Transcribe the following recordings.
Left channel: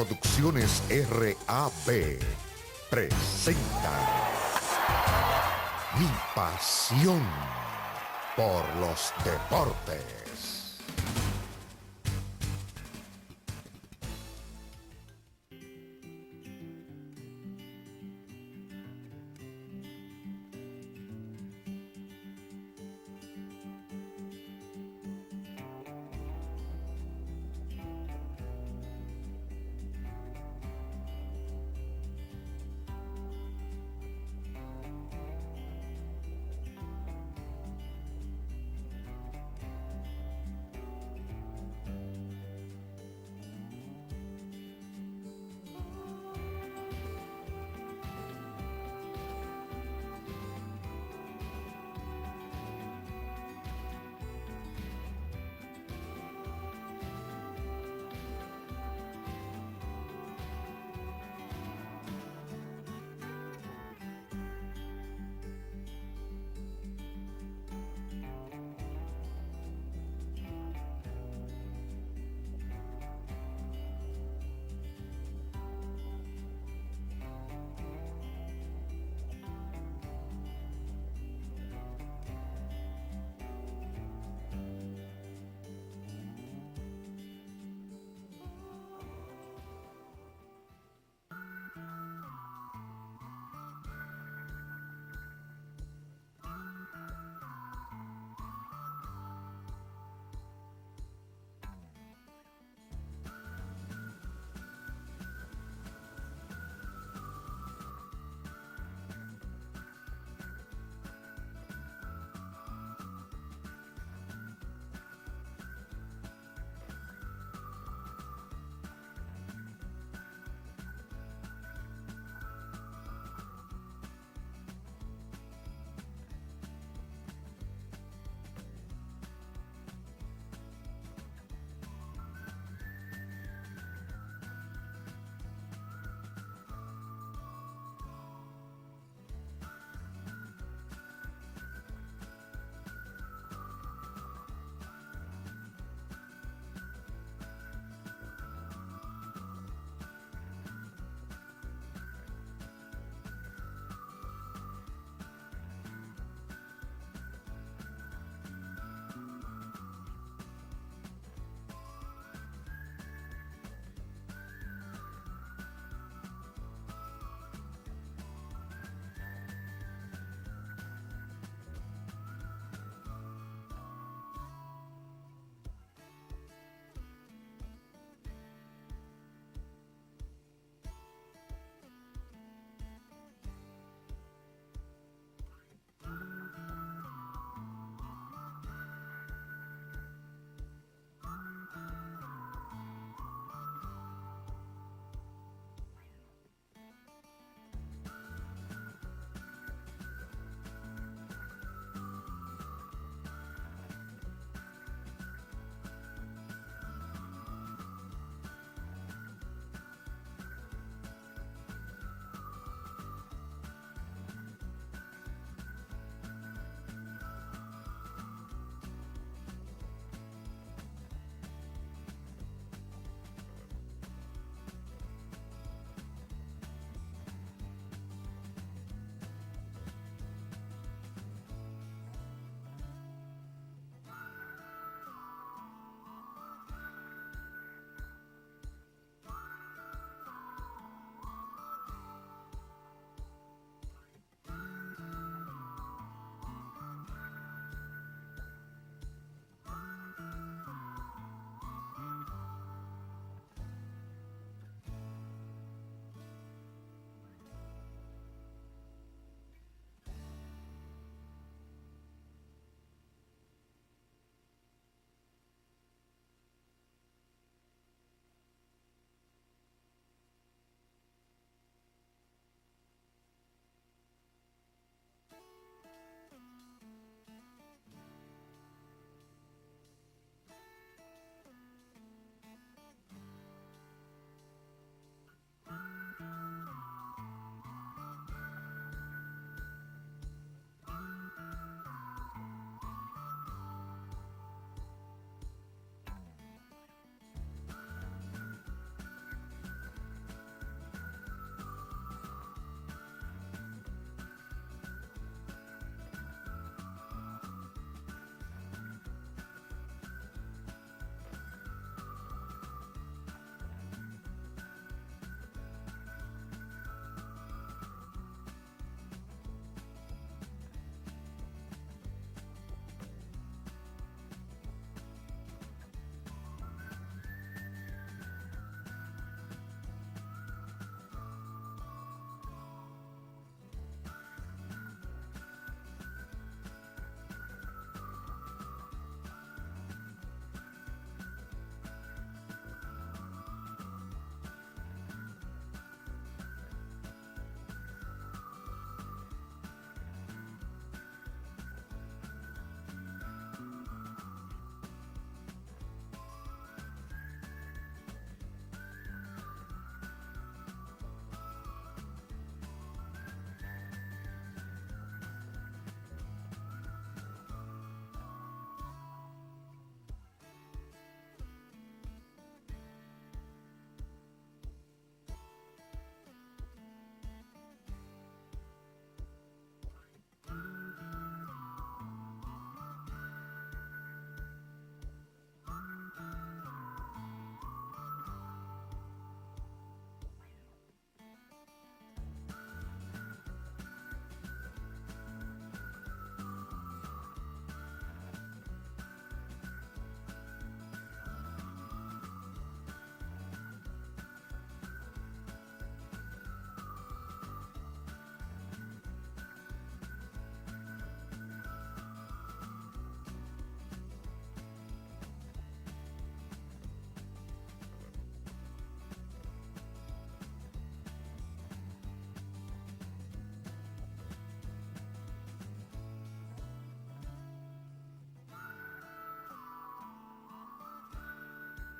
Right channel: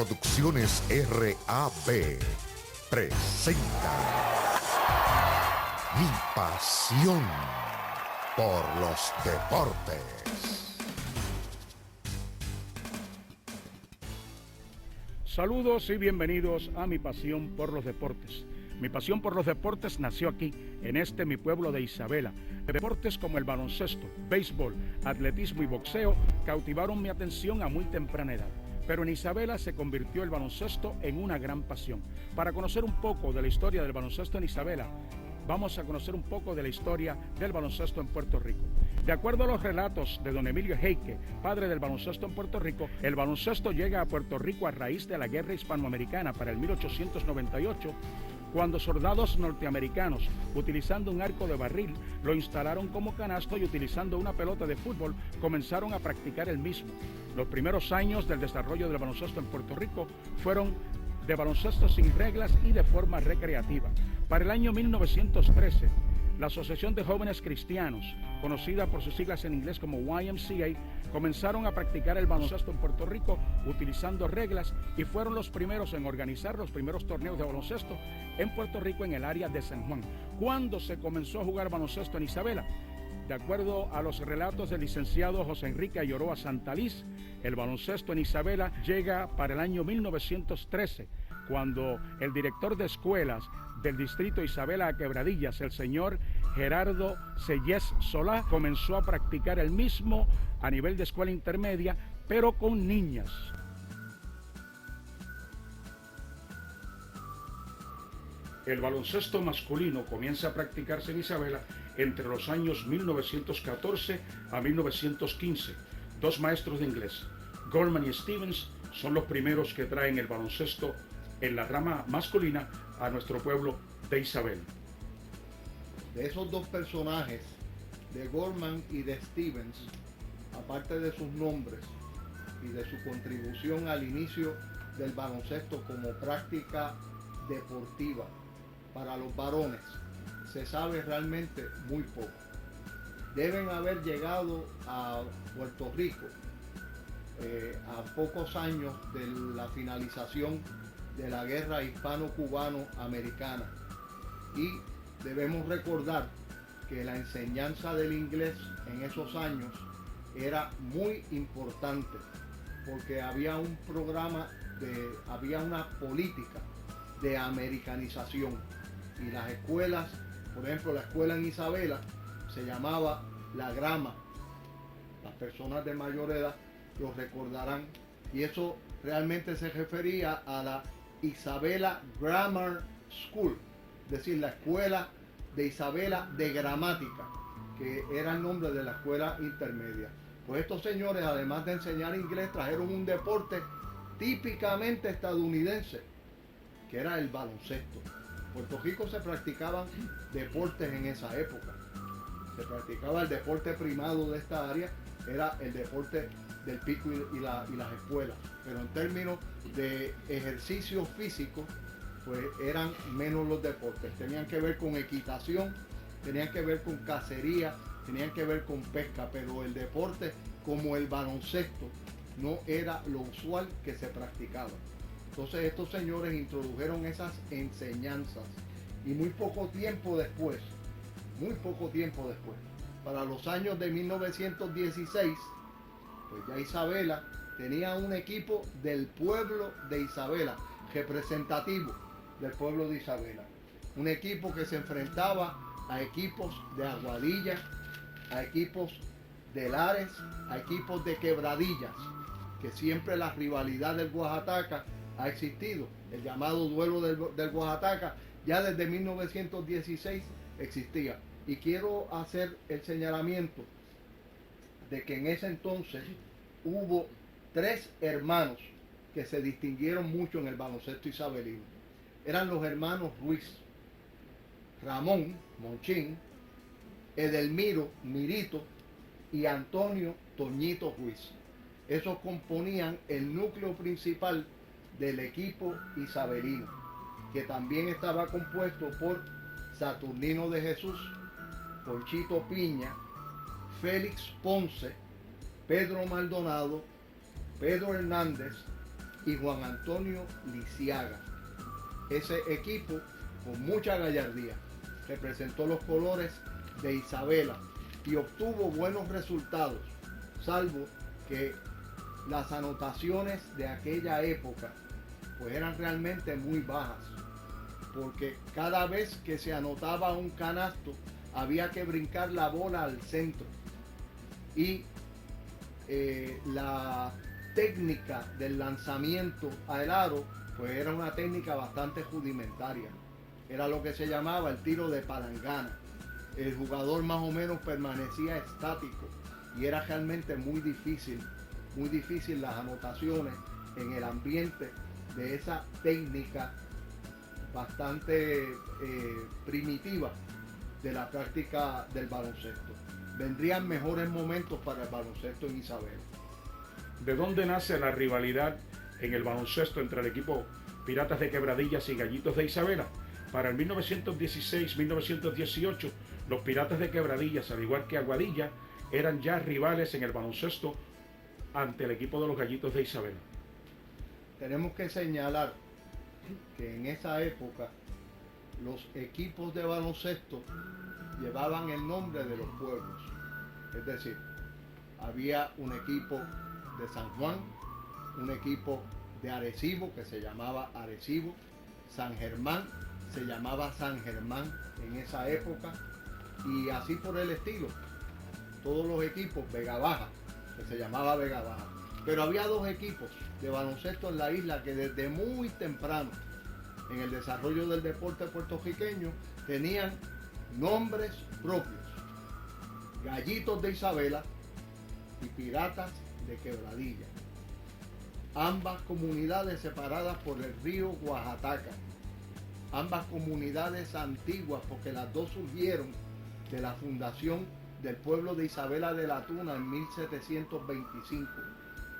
Producciones RAB presenta Mi pasión por los deportes. Saludos y bienvenidos a Mi pasión por los deportes. Mi pasión por los deportes nació aquí, en mi pueblo de Isabela. Deportes como el baloncesto, béisbol, atletismo y boxeo cautivaron mi atención a muy temprana edad. Pero en Isabela se convirtió el baloncesto en una gran pasión. Para conocer un poco de la historia del baloncesto en Isabela, vamos a conocer un poco de la historia del baloncesto en Puerto Rico. De acuerdo a los relatos de don Emilio Heike, padre del baloncesto en Puerto Rico, el baloncesto llega a Puerto Rico a raíz de la Guerra Hispanoamericana para el 1898, cuando soldados norteamericanos, utilizando un arco de barril, lo instalaron como canasto y utilizando una pelota de fútbol, comenzaron a practicar el mismo. Los primeros años del desarrollo del baloncesto en Puerto Rico fueron de baloncesto sin reglas y de forma recreativa. Para el año 1913, la Asociación de Jóvenes Cristianos, conocida por sus siglas en inglés como YMCA, comenzaron a practicar el baloncesto en Puerto Rico utilizando reglas y fueron los primeros en organizar los primeros torneos de baloncesto en Puerto Rico en el área de San Juan. ¿Cuándo se comenzó a jugar baloncesto en Isabela? De acuerdo a los relatos del licenciado José Enrique Ayoroa Santaliz, el baloncesto en Isabela llega para el año 1913, cuando el director de escuelas del distrito Isabela a Quebradillas, el señor Gerardo Sellés Solá, comenzó a practicar el mismo a nivel de escuela intermedia, pero con niñas. El baloncesto masculino comienza a practicarse en Isabela entre los años 1914 a 1915. Dos maestros de inglés, Goldman y Stevens, son los primeros que traen el baloncesto en la rama masculina a nuestro pueblo de Isabela. De esos dos personajes, de Goldman y de Stevens, aparte de sus nombres y de su contribución al inicio del baloncesto como práctica deportiva para los varones, se sabe realmente muy poco. Deben haber llegado a Puerto Rico a pocos años de la finalización de la guerra hispano-cubano-americana, y debemos recordar que la enseñanza del inglés en esos años era muy importante porque había un programa, había una política de americanización, y las escuelas, por ejemplo la escuela en Isabela se llamaba La Grama. Las personas de mayor edad lo recordarán, y eso realmente se refería a la Isabela Grammar School, es decir, la escuela de Isabela de gramática, que era el nombre de la escuela intermedia. Pues estos señores, además de enseñar inglés, trajeron un deporte típicamente estadounidense, que era el baloncesto. En Puerto Rico se practicaban deportes en esa época. Se practicaba el deporte primado de esta área, era el deporte del pico y las escuelas, pero en términos de ejercicio físico, pues eran menos los deportes. Tenían que ver con equitación, tenían que ver con cacería, tenían que ver con pesca, pero el deporte como el baloncesto no era lo usual que se practicaba. Entonces estos señores introdujeron esas enseñanzas, y muy poco tiempo después, para los años de 1916, pues ya Isabela tenía un equipo del pueblo de Isabela, representativo del pueblo de Isabela. Un equipo que se enfrentaba a equipos de Aguadilla, a equipos de Lares, a equipos de Quebradillas, que siempre la rivalidad del Oaxaca ha existido. El llamado duelo del Oaxaca ya desde 1916 existía. Y quiero hacer el señalamiento de que en ese entonces hubo tres hermanos que se distinguieron mucho en el baloncesto isabelino. Eran los hermanos Ruiz, Ramón Monchín, Edelmiro Mirito y Antonio Toñito Ruiz. Esos componían el núcleo principal del equipo isabelino, que también estaba compuesto por Saturnino de Jesús, Conchito Piña, Félix Ponce, Pedro Maldonado, Pedro Hernández, y Juan Antonio Lisiaga. Ese equipo, con mucha gallardía, representó los colores de Isabela y obtuvo buenos resultados, salvo que las anotaciones de aquella época pues eran realmente muy bajas, porque cada vez que se anotaba un canasto había que brincar la bola al centro y la técnica del lanzamiento al aro pues era una técnica bastante rudimentaria, era lo que se llamaba el tiro de palangana. El jugador más o menos permanecía estático y era realmente muy difícil las anotaciones en el ambiente de esa técnica bastante primitiva de la práctica del baloncesto. Vendrían mejores momentos para el baloncesto en Isabela. ¿De dónde nace la rivalidad en el baloncesto entre el equipo Piratas de Quebradillas y Gallitos de Isabela? Para el 1916-1918, los Piratas de Quebradillas, al igual que Aguadilla, eran ya rivales en el baloncesto ante el equipo de los Gallitos de Isabela. Tenemos que señalar que en esa época los equipos de baloncesto llevaban el nombre de los pueblos. Es decir, había un equipo de San Juan, un equipo de Arecibo que se llamaba Arecibo, San Germán se llamaba San Germán en esa época y así por el estilo. Todos los equipos, Vega Baja, que se llamaba Vega Baja. Pero había dos equipos de baloncesto en la isla que desde muy temprano en el desarrollo del deporte puertorriqueño tenían nombres propios: Gallitos de Isabela y Piratas de Quebradilla. Ambas comunidades separadas por el río Oaxaca. Ambas comunidades antiguas, porque las dos surgieron de la fundación del pueblo de Isabela de la Tuna en 1725.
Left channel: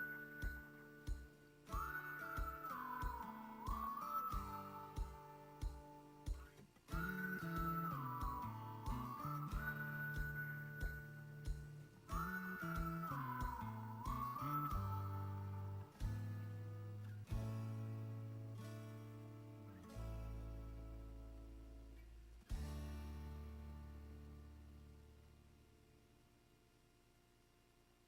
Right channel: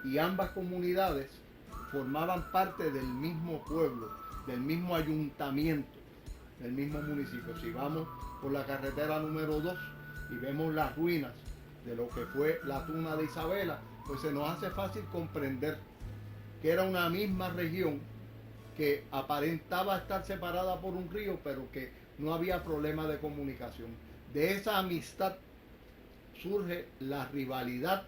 Y ambas comunidades formaban parte del mismo pueblo, del mismo ayuntamiento, del mismo municipio. Si vamos por la carretera número 2 y vemos las ruinas de lo que fue la Tuna de Isabela, pues se nos hace fácil comprender que era una misma región que aparentaba estar separada por un río, pero que no había problema de comunicación. De esa amistad surge la rivalidad,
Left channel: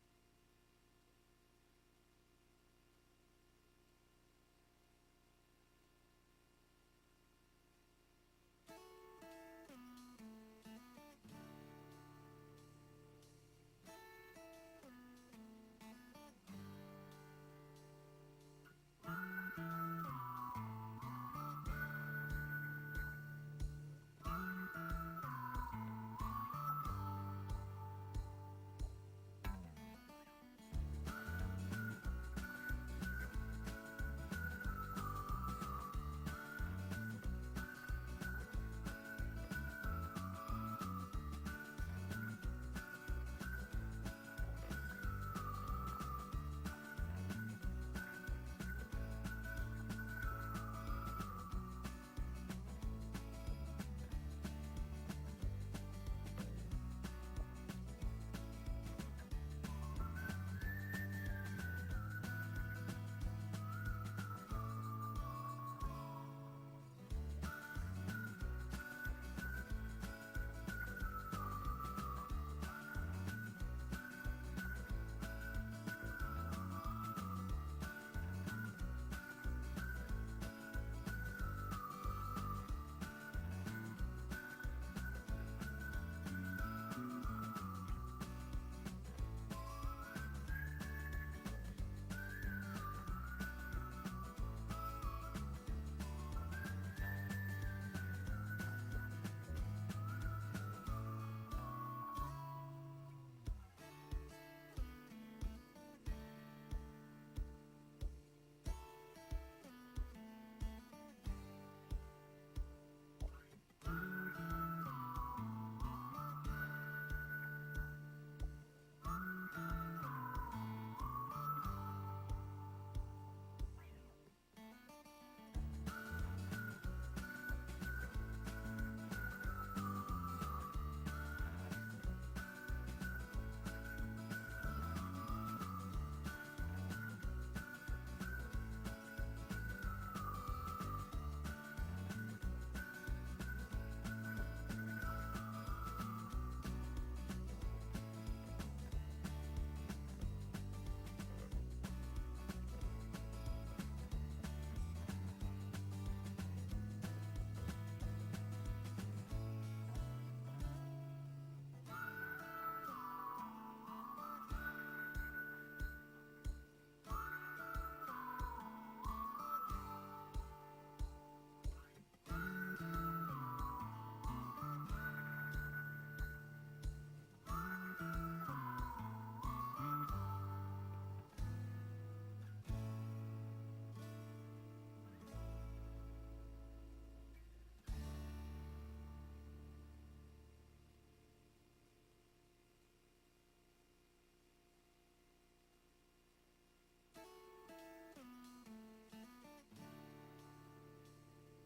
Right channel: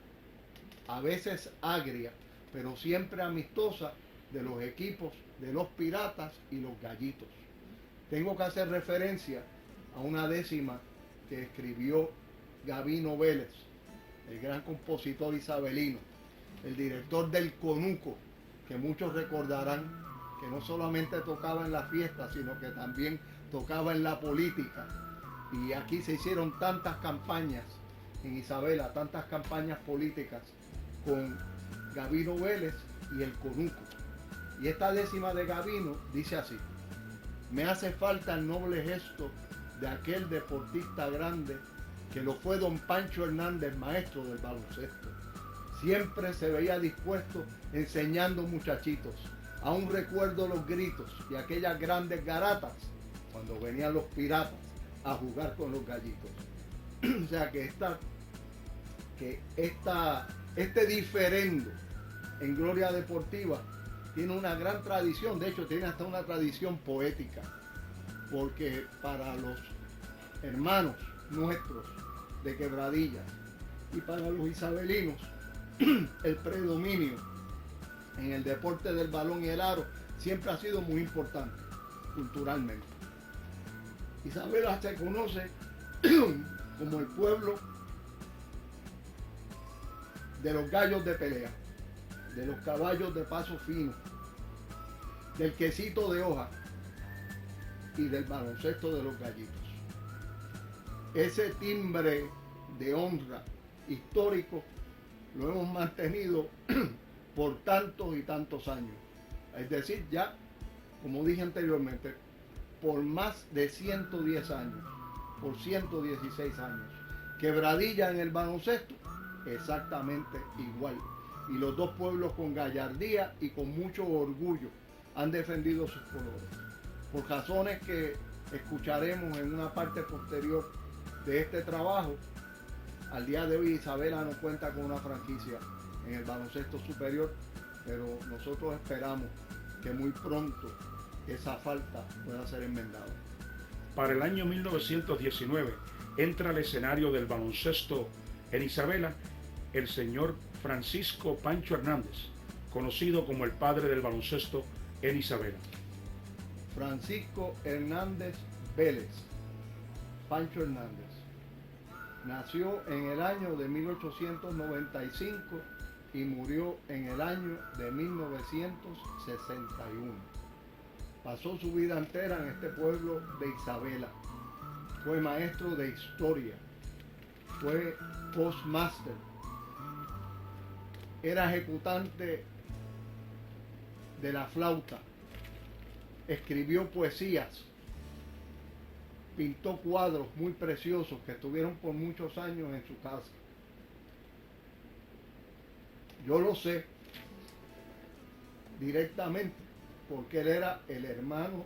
a veces agria, pero siempre amistosa, de los equipos de los Piratas y los Gallitos. Tengo que hacer referencia a una décima que escribió Gabino Vélez, el gran compositor isabelino, el director del Conuco, que muchos recordarán que no solamente tocaba en las fiestas, sino que también tocaba en la política. Y aquí se hicieron tantas campañas en Isabela, tantas campañas políticas con Gabino Vélez y el Conuco. Y esta décima de Gabino dice así: me hace falta el noble gesto de aquel deportista grande que lo fue don Pancho Hernández, maestro del baloncesto. Siempre se veía dispuesto enseñando muchachitos. Aún recuerdo los gritos y aquellas grandes garatas cuando venían los Piratas a jugar con los Gallitos. O sea que este diferendo en Gloria Deportiva tiene una gran tradición, de hecho tiene hasta una tradición poética, porque para los hermanos nuestros de Quebradilla y para los isabelinos, el predominio en el deporte del balón y el aro siempre ha sido muy importante culturalmente. Isabela se conoce como el pueblo de los gallos de pelea, de los caballos de paso fino, del quesito de hoja y del baloncesto de los Gallitos. Ese timbre de honra histórico lo hemos mantenido por tantos y tantos años. Es decir, ya, como dije anteriormente, por más de 110 años, por 116 años. Quebradilla en el baloncesto, exactamente igual. Y los dos pueblos con gallardía y con mucho orgullo han defendido sus colores. Por razones que escucharemos en una parte posterior de este trabajo, al día de hoy Isabela no cuenta con una franquicia en el baloncesto superior, pero nosotros esperamos que muy pronto esa falta pueda ser enmendada. Para el año 1919 entra al escenario del baloncesto en Isabela el señor Francisco Pancho Hernández, conocido como el padre del baloncesto en Isabela. Francisco Hernández Vélez, Pancho Hernández, nació en el año de 1895 y murió en el año de 1961. Pasó su vida entera en este pueblo de Isabela. Fue maestro de historia, fue postmaster, era ejecutante de la flauta, escribió poesías, pintó cuadros muy preciosos que estuvieron por muchos años en su casa. Yo lo sé directamente porque él era el hermano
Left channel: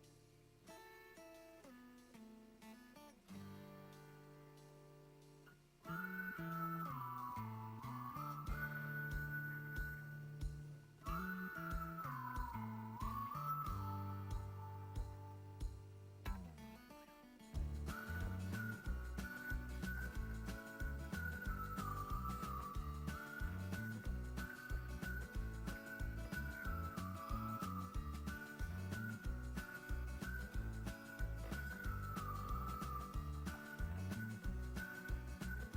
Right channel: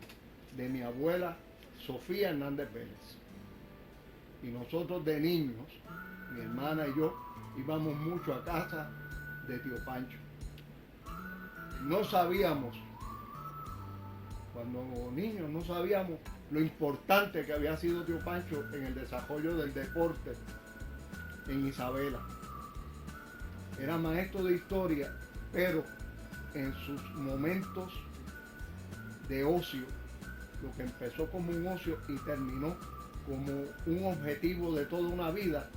de mi abuela Sofía Hernández Vélez. Y nosotros de niños, mi hermana y yo, íbamos mucho a casa de tío Pancho. No sabíamos, cuando niños no sabíamos lo importante que había sido tío Pancho en el desarrollo del deporte en Isabela. Era maestro de historia, pero en sus momentos de ocio, lo que empezó como un ocio y terminó como un objetivo de toda una vida,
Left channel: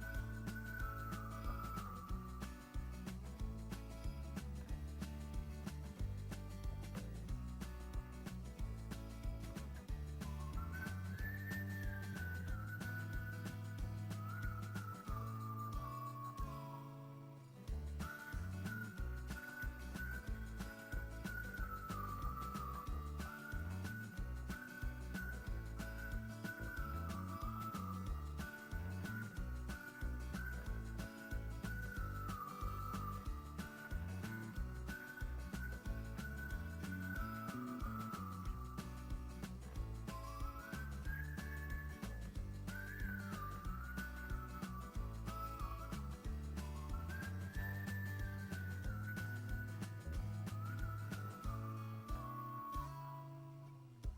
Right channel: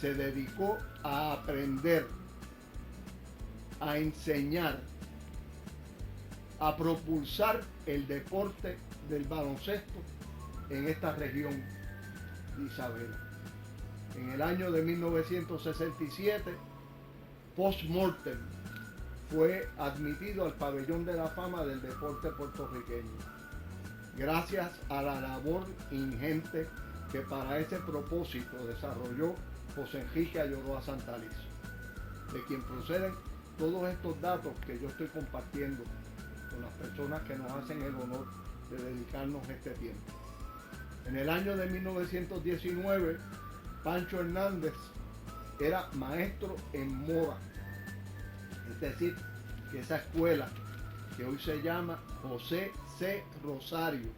se dedicó a aprender, a enseñar, a propulsar el deporte del baloncesto en esta región de Isabela. En el año de 1967, post-mortem, fue admitido al Pabellón de la Fama del Deporte puertorriqueño, gracias a la labor ingente que para ese propósito desarrolló José Enrique Ayoroa Santalizo, de quien proceden todos estos datos que yo estoy compartiendo con las personas que nos hacen el honor de dedicarnos este tiempo. En el año de 1919, Pancho Hernández era maestro en Mora, es decir, que esa escuela que hoy se llama José C. Rosario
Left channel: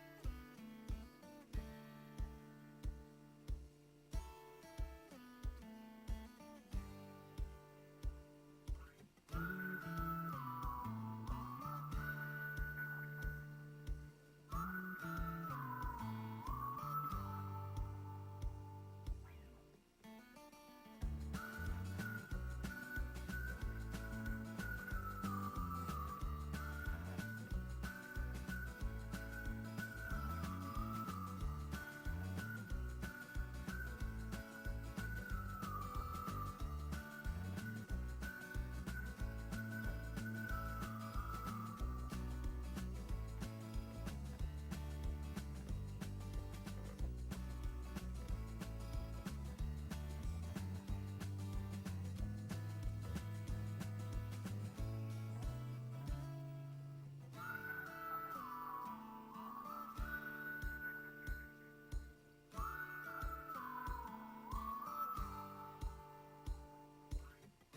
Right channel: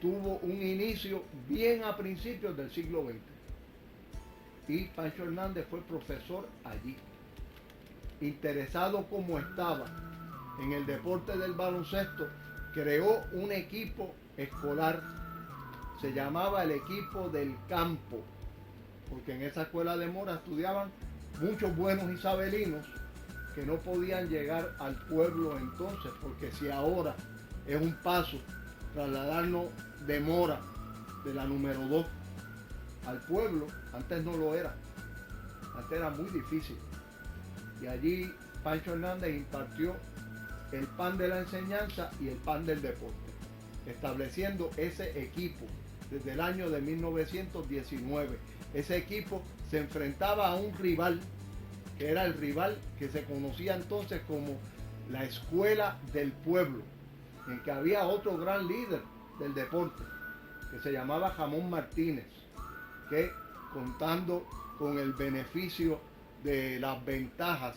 tuvo un inicio bien a principios del siglo XX y Pancho Hernández fue profesor allí. Interesado como estaba en el deporte del baloncesto, creó un equipo escolar, se llamaba el equipo del campo, porque en esa escuela de Mora estudiaban muchos buenos isabelinos que no podían llegar al pueblo entonces, porque si ahora es un paso trasladarnos de Mora, de la número 2, al pueblo, antes no lo era, antes era muy difícil. Y allí Pancho Hernández impartió el pan de la enseñanza y el pan del deporte, estableciendo ese equipo desde el año de 1919. Ese equipo se enfrentaba a un rival, que era el rival que se conocía entonces como la Escuela del Pueblo, en que había otro gran líder del deporte, que se llamaba Jamón Martínez, que contando con el beneficio de las ventajas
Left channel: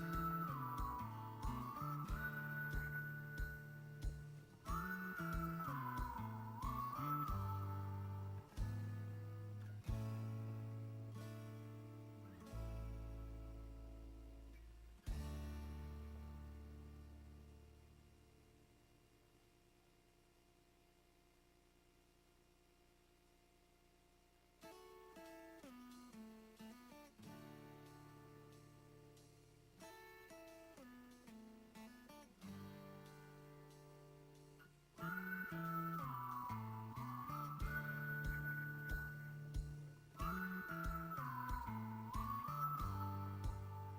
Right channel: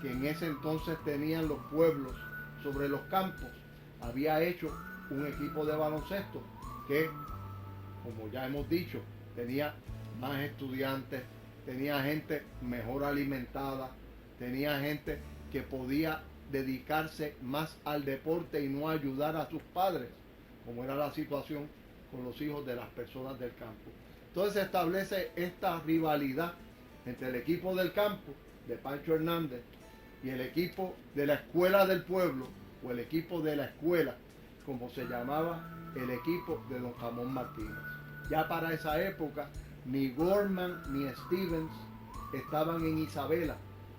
que en ese entonces tenían los pueblos sobre los campos, había hecho un equipo de baloncesto que, como ya hemos dicho, tenía más estudiantes, tenía gente mejor alimentada, tenía gente que podía dedicarse más al deporte y no ayudar a sus padres, como era la situación con los hijos de las personas del campo. Entonces se establece esta rivalidad entre el equipo del campo de Pancho Hernández y el equipo de la Escuela del Pueblo, o el equipo de la escuela, como se llamaba el equipo de don Jamón Martínez. Ya para esa época ni Gorman ni Stevens estaban en Isabela,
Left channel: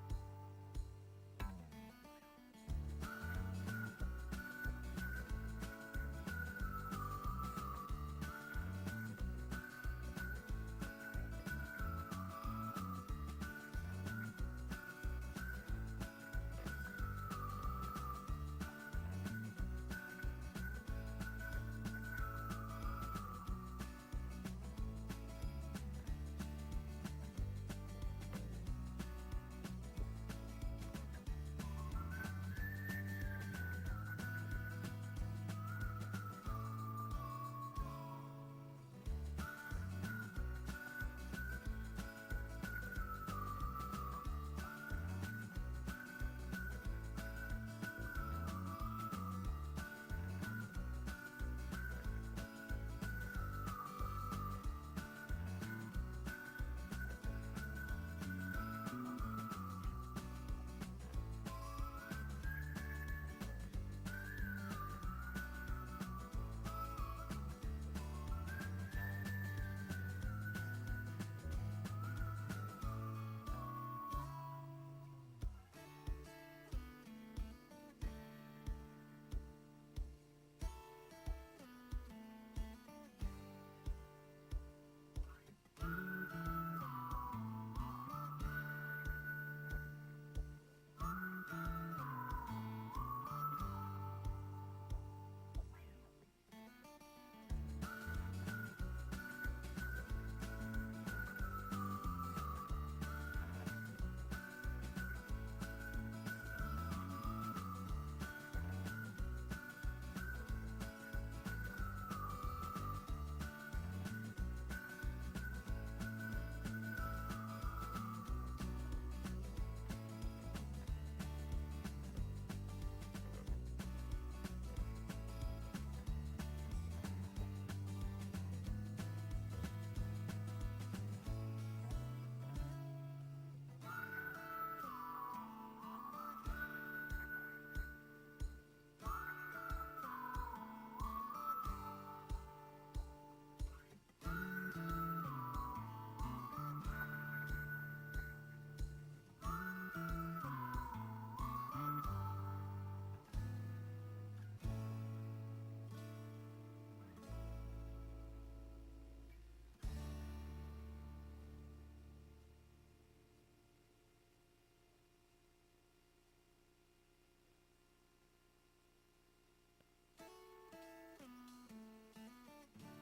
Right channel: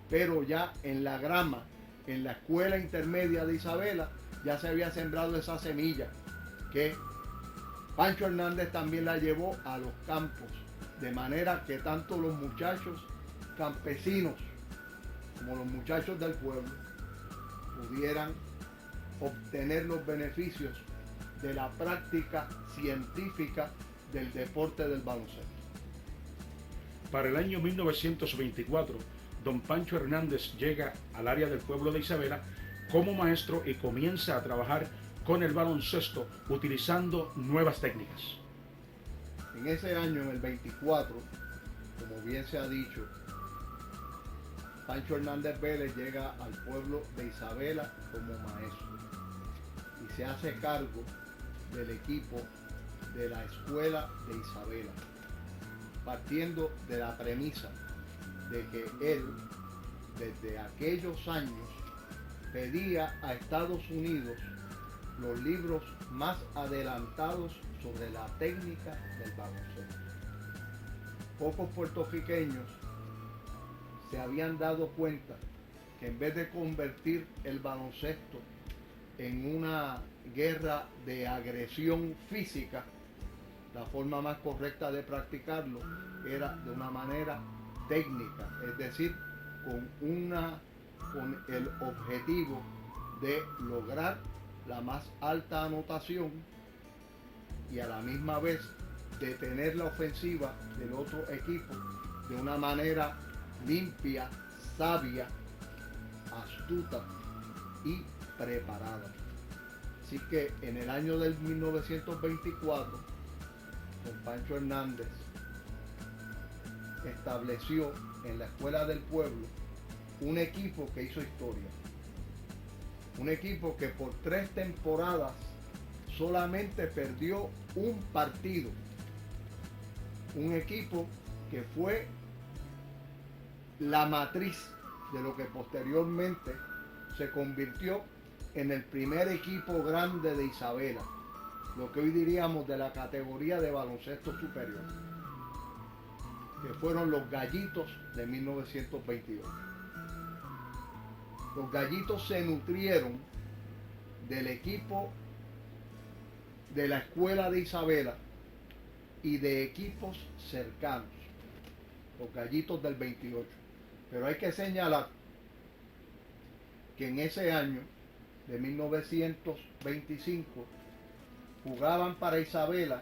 pero ya en la grama, en la escuela intermedia de Isabela, ya se había sembrado esa semilla que Pancho Hernández también la llevó a los campos, de manera que tanto los muchachos campesinos como los muchachos del pueblo pudieran obtener los beneficios de la práctica científica del deporte del baloncesto. Para el año 1924, don Pancho Hernández llega al área del pueblo de Isabela como maestro y comienza a trabajar con el baloncesto utilizando nuevas técnicas. En ese año, en el 24, como bien se ha dicho, Pancho Hernández Vélez llega al pueblo de Isabela como maestro y se hace cargo del equipo de la escuela de Isabela, partiendo de la premisa de que él, desde aquellos años, pedía a Estados Unidos los libros más adelantados sobre la técnica del baloncesto. Pocos puertorriqueños se habían dado cuenta que en vez de convertir el baloncesto en una guerra de agresión física, la forma más correcta de practicarlo era de una manera técnica, es decir, con el objetivo de lograr la más alta anotación y a la misma vez detener la ofensiva del otro equipo de una manera limpia, sabia, astuta y preparada. Así que en el año del 1924, don Pancho Hernández estableció en la Escuela del Pueblo un equipo que hizo historia. Un equipo que por 3 temporadas solamente perdió un partido. Un equipo que fue la matriz de lo que posteriormente se convirtió en el primer equipo grande de Isabela, lo que hoy diríamos de la categoría de baloncesto superior, que fueron los Gallitos de 1922. Los Gallitos se nutrieron del equipo de la escuela de Isabela y de equipos cercanos, los Gallitos del 28. Pero hay que señalar que en ese año de 1925 jugaban para Isabela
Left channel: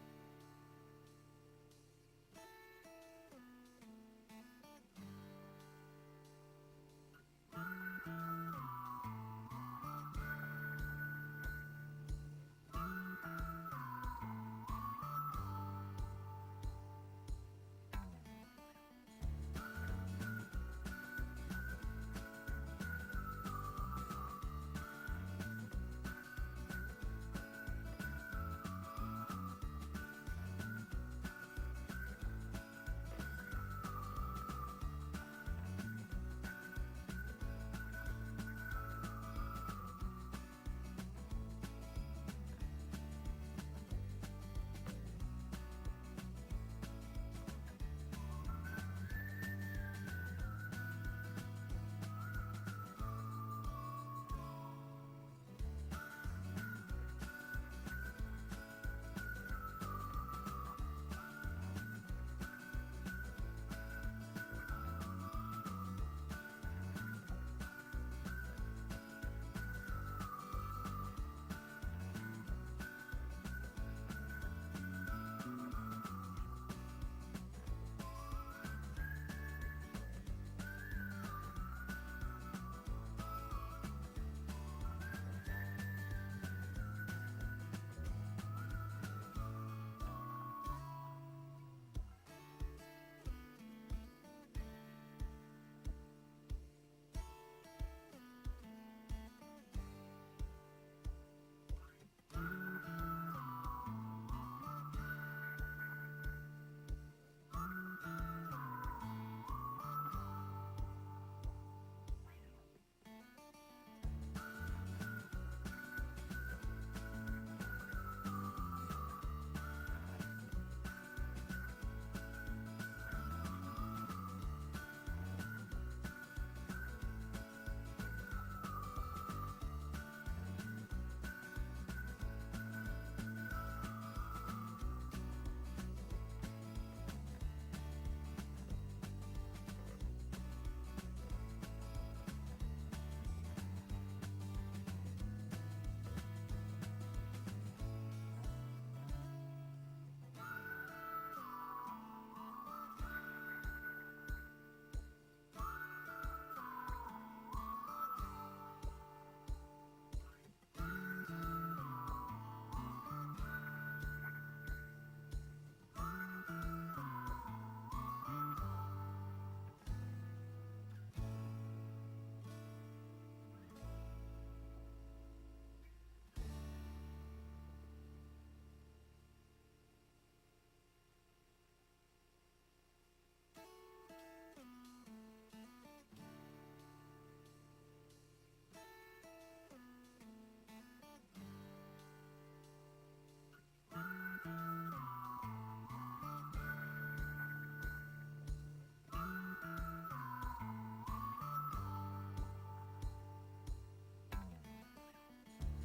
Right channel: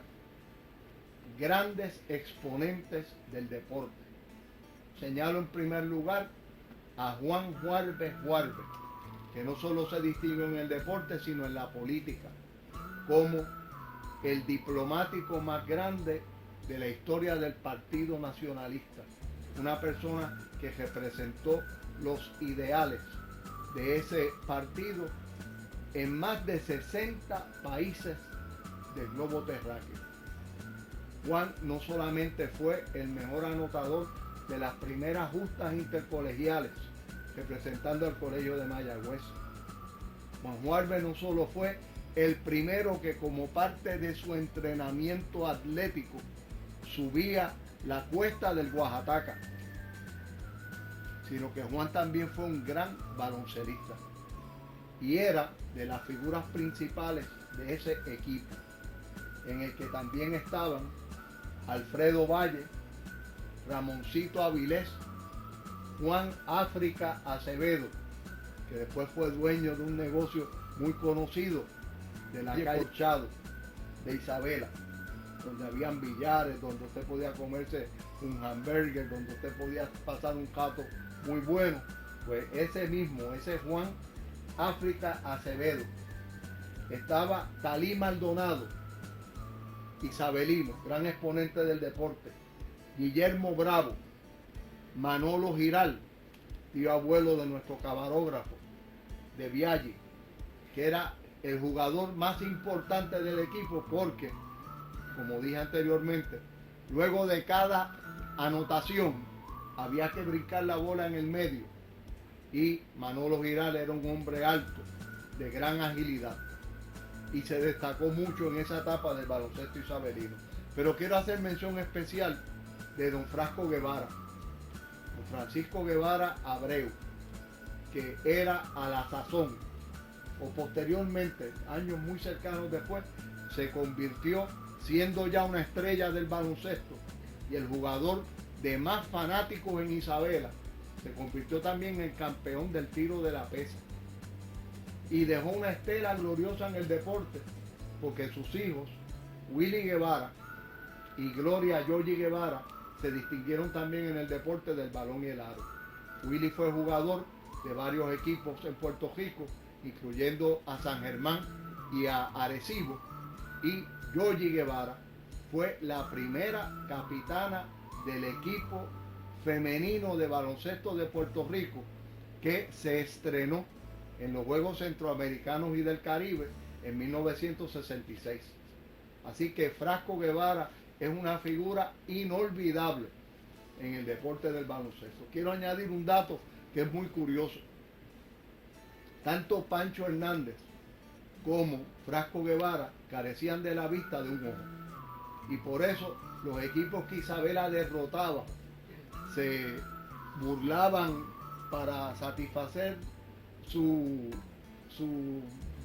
grandes exponentes del deporte. Señalo en primer lugar a Juan Juárez Juárez, que no solo se distinguió en el deporte, sino en la política, como el diplomático más grande de la historia del Partido Nacionalista, una persona que representó los ideales de ese partido en más de 60 países del globo terráqueo. Juan no solamente fue el mejor anotador de las primeras justas intercolegiales representando al Colegio de Mayagüez. Juan Juárez no solo fue el primero que como parte de su entrenamiento atlético subía la cuesta del Oaxaca, sino que Juan también fue un gran baloncelista y era de las figuras principales de ese equipo, en el que también estaban Alfredo Valle, Ramoncito Avilés, Juan África Acevedo, que después fue dueño de un negocio muy conocido de la calle Chado de Isabela, donde habían billares, donde usted podía comerse un hamburger, donde usted podía pasar un cato muy bueno. Pues ese Juan África Acevedo. Estaba Talí Maldonado, isabelino, gran exponente del deporte. Guillermo Bravo, Manolo Giral, tío abuelo de nuestro camarógrafo de Vialle, que era el jugador más importante del equipo porque, como dije anteriormente, luego de cada anotación había que brincar la bola en el medio y Manolo Giral era un hombre alto, de gran agilidad y se destacó mucho en esa etapa del baloncesto isabelino. Pero quiero hacer mención especial de don Frasco Guevara, don Francisco Guevara Abreu, que era a la sazón o posteriormente, años muy cercanos después, se convirtió siendo ya una estrella del baloncesto y el jugador de más fanáticos en Isabela. Se convirtió también en campeón del tiro de la pesa y dejó una estela gloriosa en el deporte porque sus hijos, Willy Guevara y Gloria Yoyi Guevara, se distinguieron también en el deporte del balón y el aro. Willy fue jugador de varios equipos en Puerto Rico, incluyendo a San Germán y a Arecibo. Y Georgie Guevara fue la primera capitana del equipo femenino de baloncesto de Puerto Rico que se estrenó en los Juegos Centroamericanos y del Caribe en 1966. Así que Frasco Guevara es una figura inolvidable en el deporte del baloncesto. Quiero añadir un dato que es muy curioso. Tanto Pancho Hernández como Frasco Guevara carecían de la vista de un ojo. Y por eso los equipos que Isabela derrotaba se burlaban para satisfacer su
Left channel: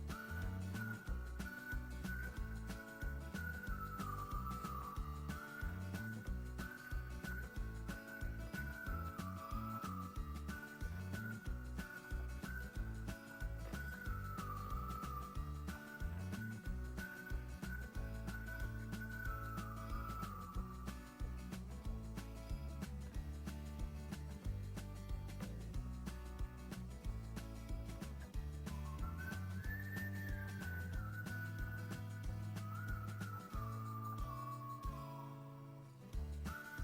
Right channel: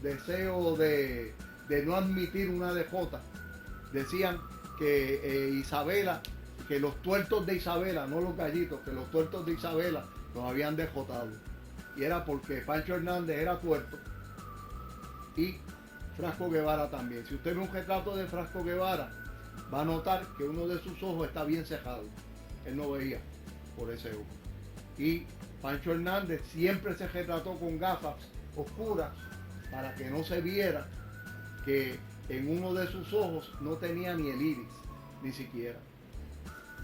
deseo de no admitir una derrota. Decían que Isabela, que los tuertos de Isabela, no los gallitos, que los tuertos de Isabela los habían derrotado. Y era porque Pancho Hernández era tuerto y Frasco Guevara también. Si usted ve un retrato de Frasco Guevara, va a notar que uno de sus ojos está bien cerrado. Él no veía por ese ojo. Y Pancho Hernández siempre se retrató con gafas oscuras para que no se viera que en uno de sus ojos no tenía ni el iris, ni siquiera.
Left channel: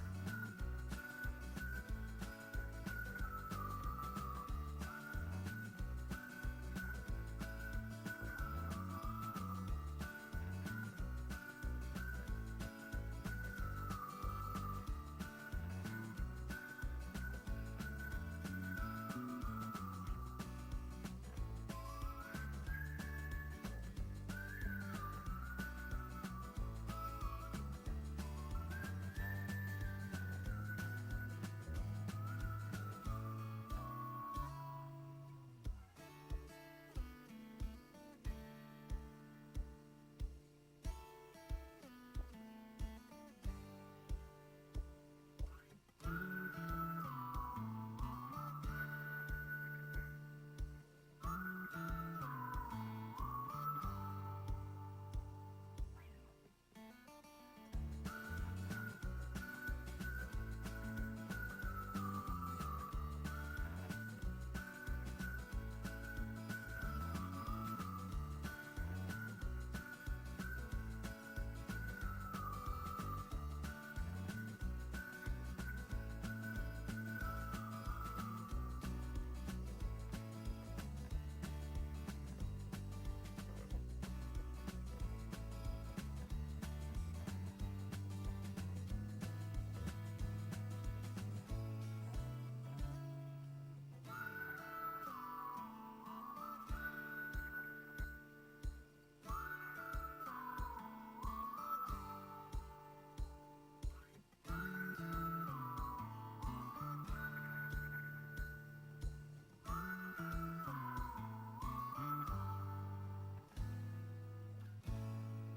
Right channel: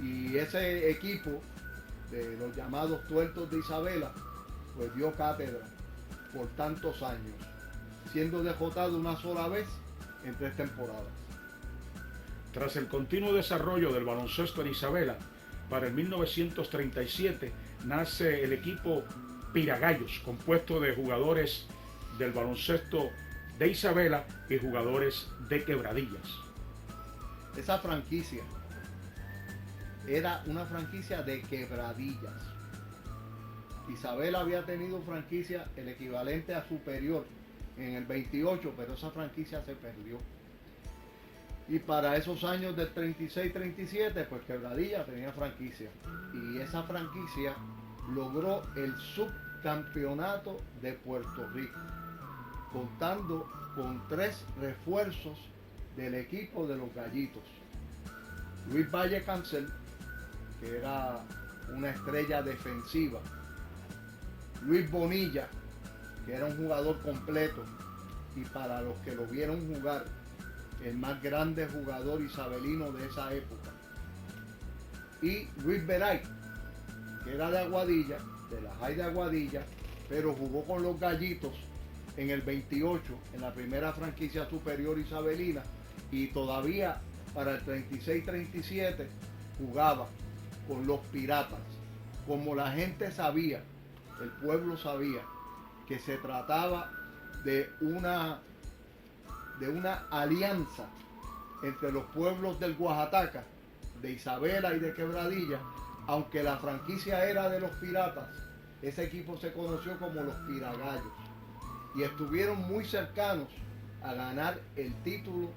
Y ese equipo de los llamados tuertos de Isabela pues dio cátedra por tantos años, siendo derrotado una sola vez en 3 temporadas. Tras el continuo desarrollo del baloncesto en Isabela, para el 1937 nace el equipo Piragallos, compuesto de jugadores del baloncesto de Isabela y jugadores de Quebradillas. Esa franquicia era una franquicia de Quebradillas. Isabela había tenido franquicia el equivalente a Superior en el 28, pero esa franquicia se perdió. Y para esos años del 36-37, pues Quebradillas tenía franquicia. Y esa franquicia logró el subcampeonato de Puerto Rico, contando con 3 refuerzos del equipo de los Gallitos. Luis Valle Cancel, que era una estrella defensiva. Luis Bonilla, que era un jugador completo, y para los que lo vieron jugar, el más grande jugador isabelino de esa época. Y Luis Veray, que era de Aguadilla, de la High de Aguadilla, pero jugó con los Gallitos en el 28, en la primera franquicia superior isabelina, y todavía para el 36-37 jugaba con los Piratas. Como la gente sabía, el pueblo sabía que se trataba de una alianza entre los pueblos del Oaxaca, de Isabela y de Quebradilla, aunque la franquicia era de los Piratas, ese equipo se conoció como los Piragallos y estuvieron muy cercanos a ganar el título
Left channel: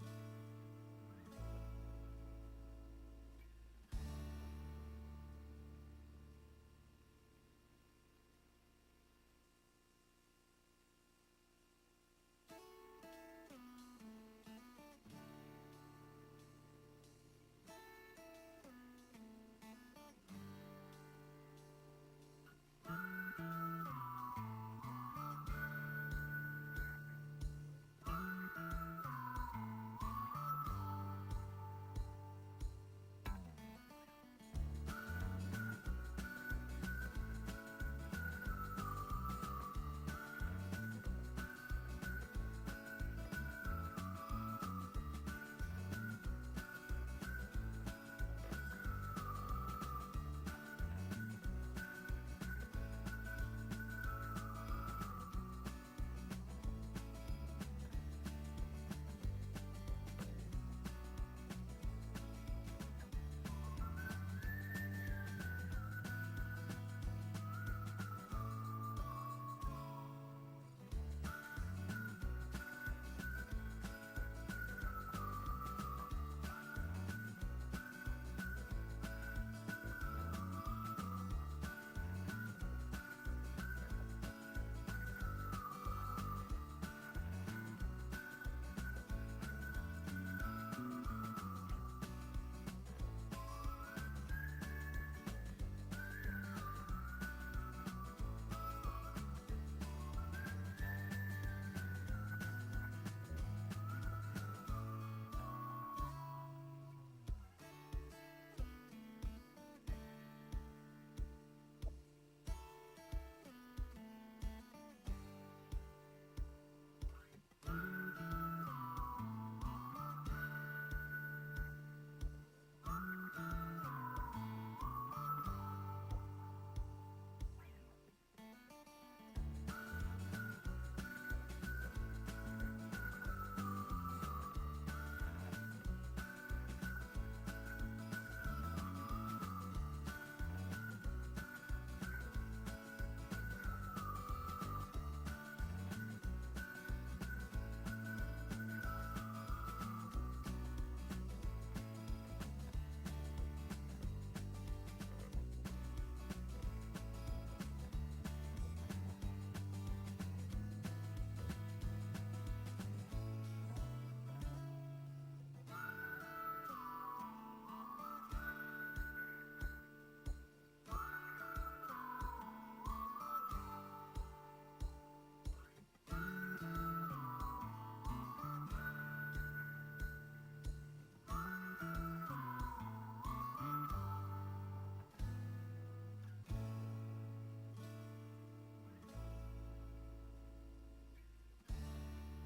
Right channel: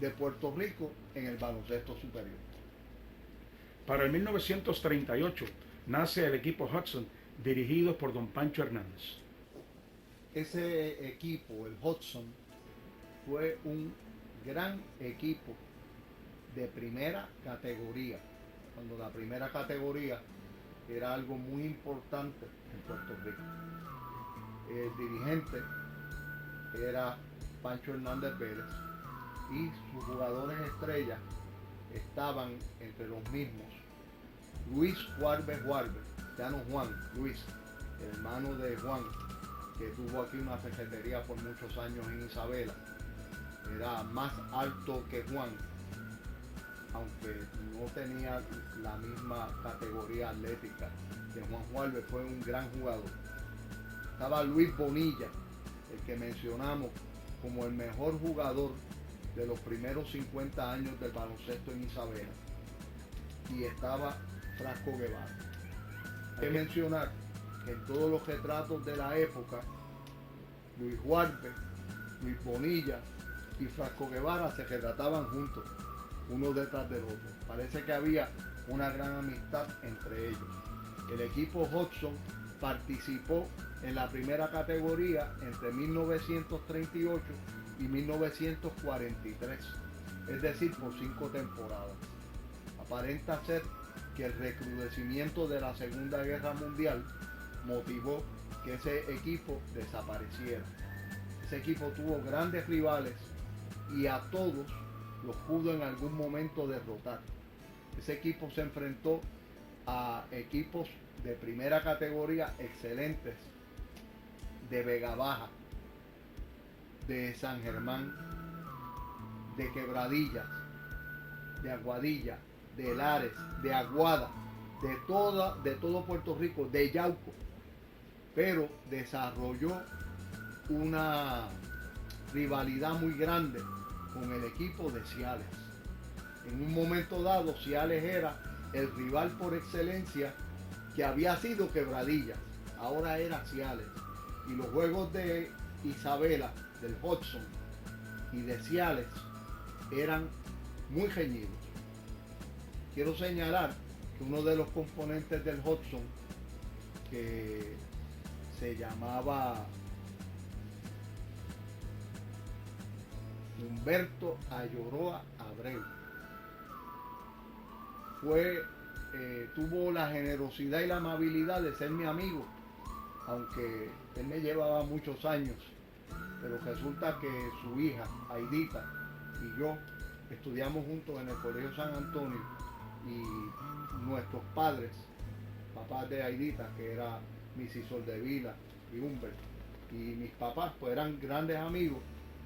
de Puerto Rico en el baloncesto superior. Para el 1938 nace el equipo Hudson, dirigido por don Pancho Hernández. Ese equipo, el Hudson, fue un gran equipo de primera categoría, cuando la primera categoría era algo muy importante en Puerto Rico. El dirigente era Pancho Hernández Pérez y sus jugadores estrellas estaban entre los mismos Luis Juárez, ya no Juan, Luis, hermano de Juan, que tuvo aquí una cafetería por muchos años en Isabela. Era más alto que Juan, aunque no tenía la misma categoría atlética que Juan Juárez. Fue un gran jugador. Estaba Luis Bonilla, el que mencionamos como el mejor jugador de los primeros 50 años del baloncesto en Isabela. Y estaba Frasco Guevara. Hay que mencionar que en todos los retratos de la época, Luis Juárez, Luis Bonilla y Frasco Guevara se retrataban juntos, uno detrás del otro. Parece que había una gran amistad entre ellos. El equipo Hudson participó en la primera categoría entre 1938 y 1943, es decir, por 5 temporadas. Aparenta ser que el recrudecimiento de la Segunda Guerra Mundial motivó que ese equipo desapareciera. Ese equipo tuvo grandes rivales y a todos los pudo en algún momento derrotar. Ese equipo se enfrentó a equipos de primera categoría excelentes, de Vega Baja, de San Germán, de Quebradillas, de Aguadilla, de Lares, de Aguada, de todo Puerto Rico, de Yauco, pero desarrolló una rivalidad muy grande con el equipo de Ciales. En un momento dado, Ciales era el rival por excelencia que había sido Quebradillas, ahora era Ciales. Y los juegos de Isabela, del Hudson y de Ciales eran muy reñidos. Quiero señalar que uno de los componentes del Hudson, que se llamaba Humberto Ayoroa Abreu, tuvo la generosidad y la amabilidad de ser mi amigo, aunque él me llevaba muchos años, pero resulta que su hija, Aidita, y yo estudiamos juntos en el Colegio San Antonio, y nuestros padres, papás de Aidita, que era Mrs. Soldevila y Humbert, y mis papás, pues eran grandes amigos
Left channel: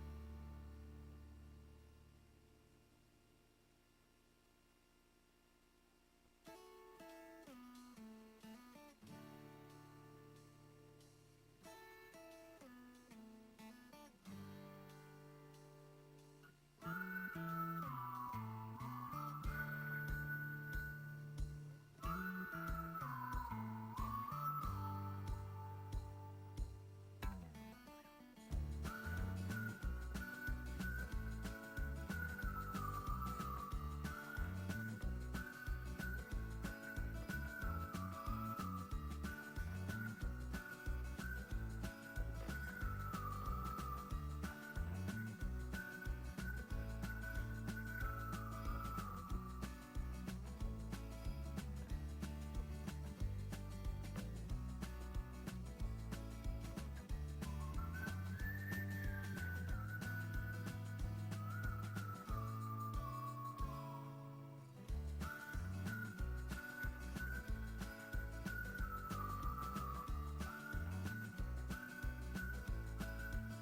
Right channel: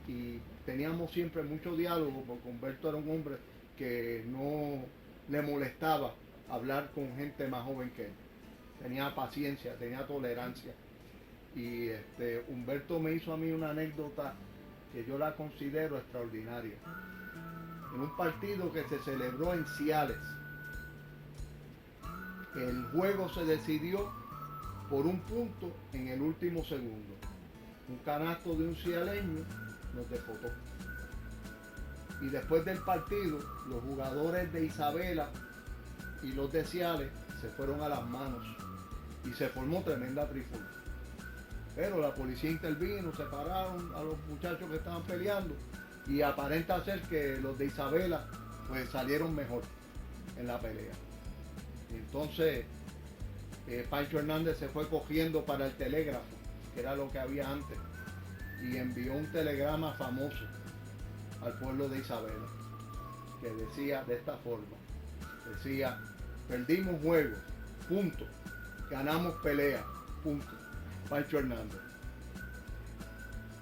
y teníamos siempre mucho diálogo, porque Humberto era un hombre que no le molestaba hablar con gente más joven que él. Tenía paciencia, tenía tolerancia. Y Humberto me hizo a mí una anécdota que yo la considero extraordinaria. En un partido que se celebró en Ciales, el juego se decidió por un punto en el último segundo. Un canasto de un cialeño nos despotó. Y después del partido, los jugadores de Isabela y los de Ciales se fueron a las manos y se formó tremenda trifulca. Pero la policía intervino, separaron a los muchachos que estaban peleando y aparenta ser que los de Isabela pues salieron mejor en la pelea. Entonces Pancho Hernández se fue cogiendo para el telégrafo, que era lo que había antes, y envió un telegrama famoso al pueblo de Isabela, que decía de esta forma, decía: perdimos juego, punto, ganamos pelea, punto, Pancho Hernández.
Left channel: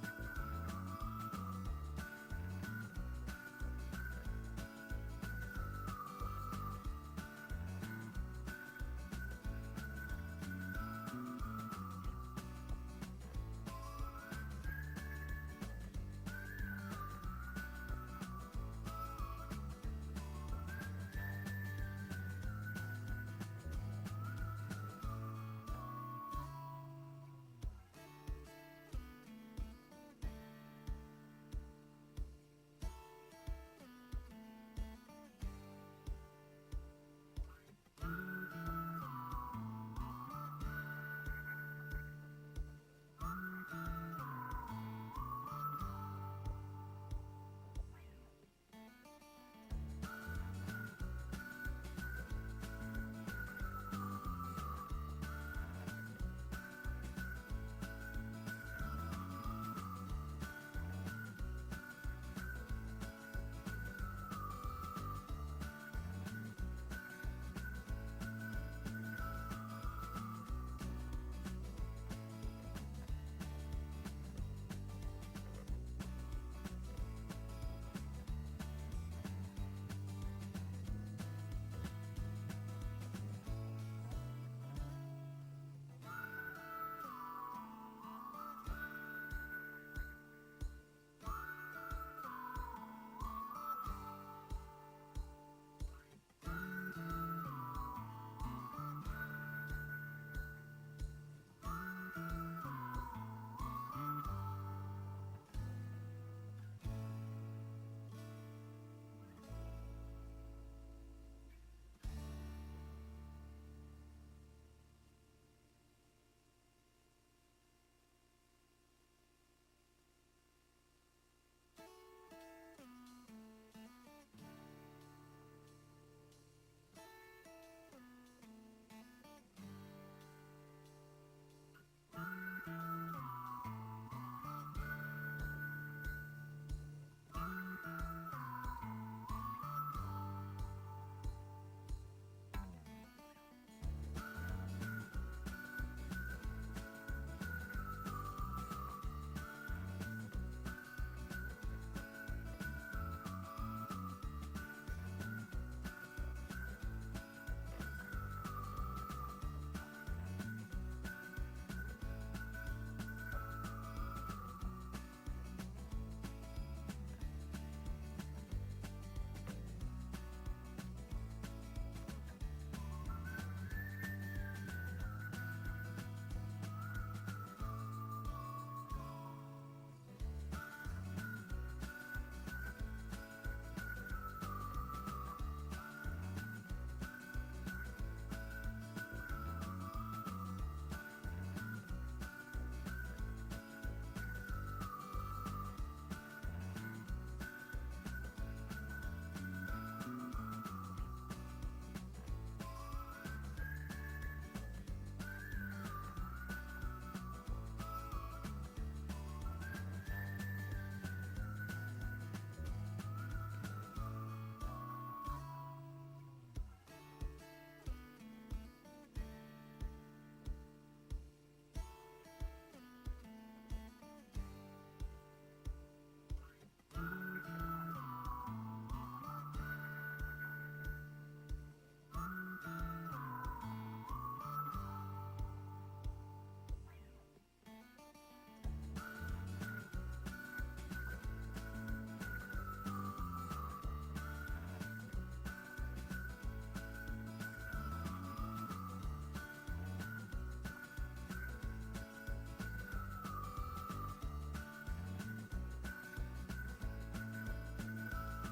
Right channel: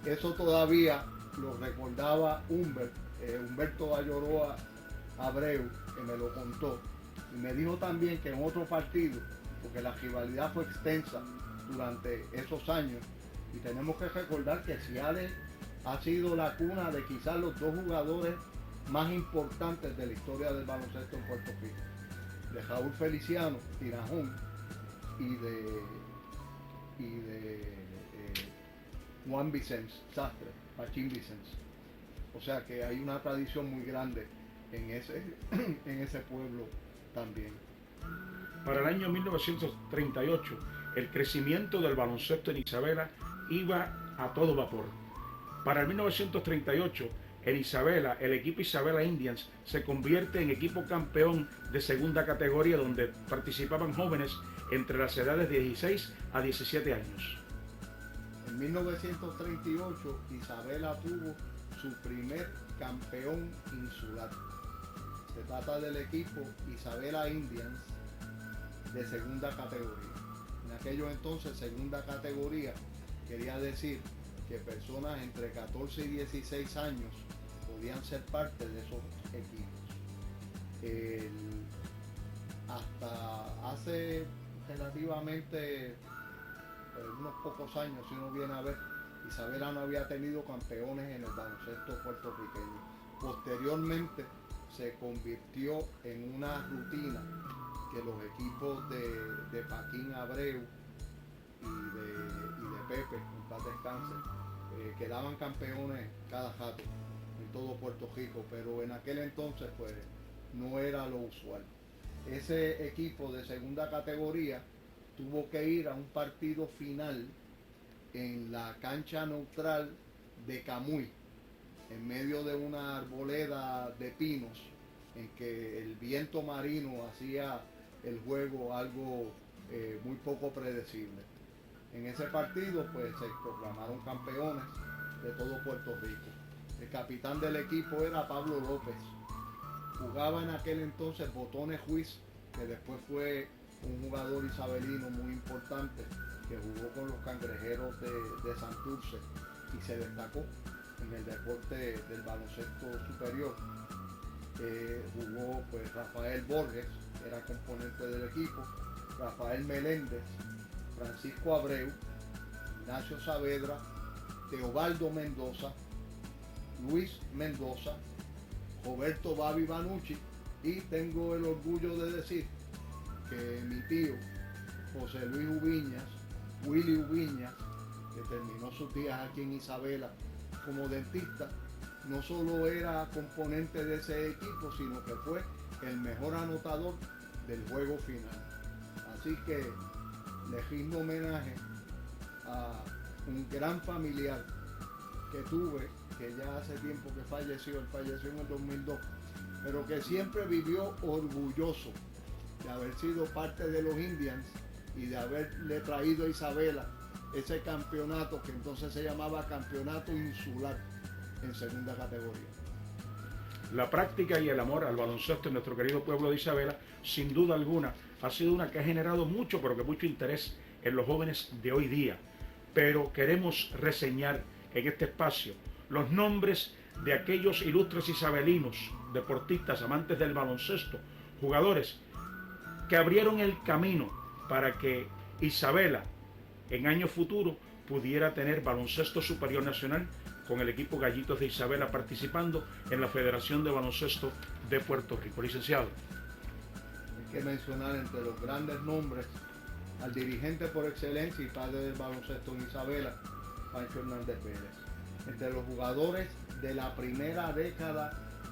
Eso todavía lo recordaba Humberto Ayoroa Abreu, que me lo contó, y me dijo también que en otro partido, porque la rivalidad fue extensa durante esos años, y tenemos que recordar que Ciales ha sido la cuna de quizás los dos jugadores más importantes de la historia del baloncesto en Puerto Rico, de Raúl Feliciano, Tirajón, y de Juan Vicens Sastre, Machín Vicens. O sea que hay una tradición muy grande en ese pueblo también. Para el año 1938, el crecimiento del baloncesto en Isabela iba a todo vapor. Para el 1938, en Isabela, el equipo Isabela Indians se convierte en equipo campeón de segunda categoría, donde participaban jóvenes entre las edades de 16 a 17 años. En 1938, Isabela tuvo su primer campeón insular. Se trata del equipo Isabela Indians de segunda categoría. En aquellos entonces, segunda categoría quería decir que personas entre 14 y 16 años podían ser parte de esos equipos. Hasta hace relativamente unos pocos años, si uno viene a ver, Isabela no había tenido campeones en el baloncesto puertorriqueño. Posteriormente se convirtió en una rutina que los equipos de Paquín Abreu y de Pepe, en paz descanse, quedaban campeones cada rato en todo Puerto Rico, pero en aquel entonces pues no era lo usual. Ese equipo de segunda categoría tuvo que ir a un partido final en la cancha neutral de Camuy, en medio de una arboleda de pinos, en que el viento marino hacía el juego algo muy poco predecible. En ese partido pues se proclamaron campeones de todo Puerto Rico. El capitán del equipo era Pablo López. Jugaba en aquel entonces Botones Juiz, que después fue un jugador isabelino muy importante, que jugó con los Cangrejeros de Santurce y se destacó en el deporte del baloncesto superior. Jugó pues Rafael Borges, era componente del equipo, Rafael Meléndez, Francisco Abreu, Ignacio Saavedra, Teobaldo Mendoza, Luis Mendoza, Roberto Babi Banucci, y tengo el orgullo de decir que mi tío José Luis Ubiñas, Willy Ubiñas, que terminó sus días aquí en Isabela como dentista, no solo era componente de ese equipo, sino que fue el mejor anotador del juego final. Así que le rindo homenaje a un gran familiar que tuve, que ya hace tiempo que falleció, él falleció en el 2002, pero que siempre vivió orgulloso de haber sido parte de los Indians y de haberle traído a Isabela ese campeonato que entonces se llamaba Campeonato Insular en segunda categoría. La práctica y el amor al baloncesto en nuestro querido pueblo de Isabela, sin duda alguna, ha sido una que ha generado mucho, pero que mucho interés en los jóvenes de hoy día. Pero queremos reseñar en este espacio los nombres de aquellos ilustres isabelinos, deportistas, amantes del baloncesto, jugadores que abrieron el camino para que Isabela en años futuros pudiera tener baloncesto superior nacional con el equipo Gallitos de Isabela participando en la Federación de Baloncesto de Puerto Rico. Licenciado. Hay que mencionar entre los grandes nombres al dirigente por excelencia y padre del baloncesto en Isabela, Pancho Hernández Pérez. Entre los jugadores de la primera década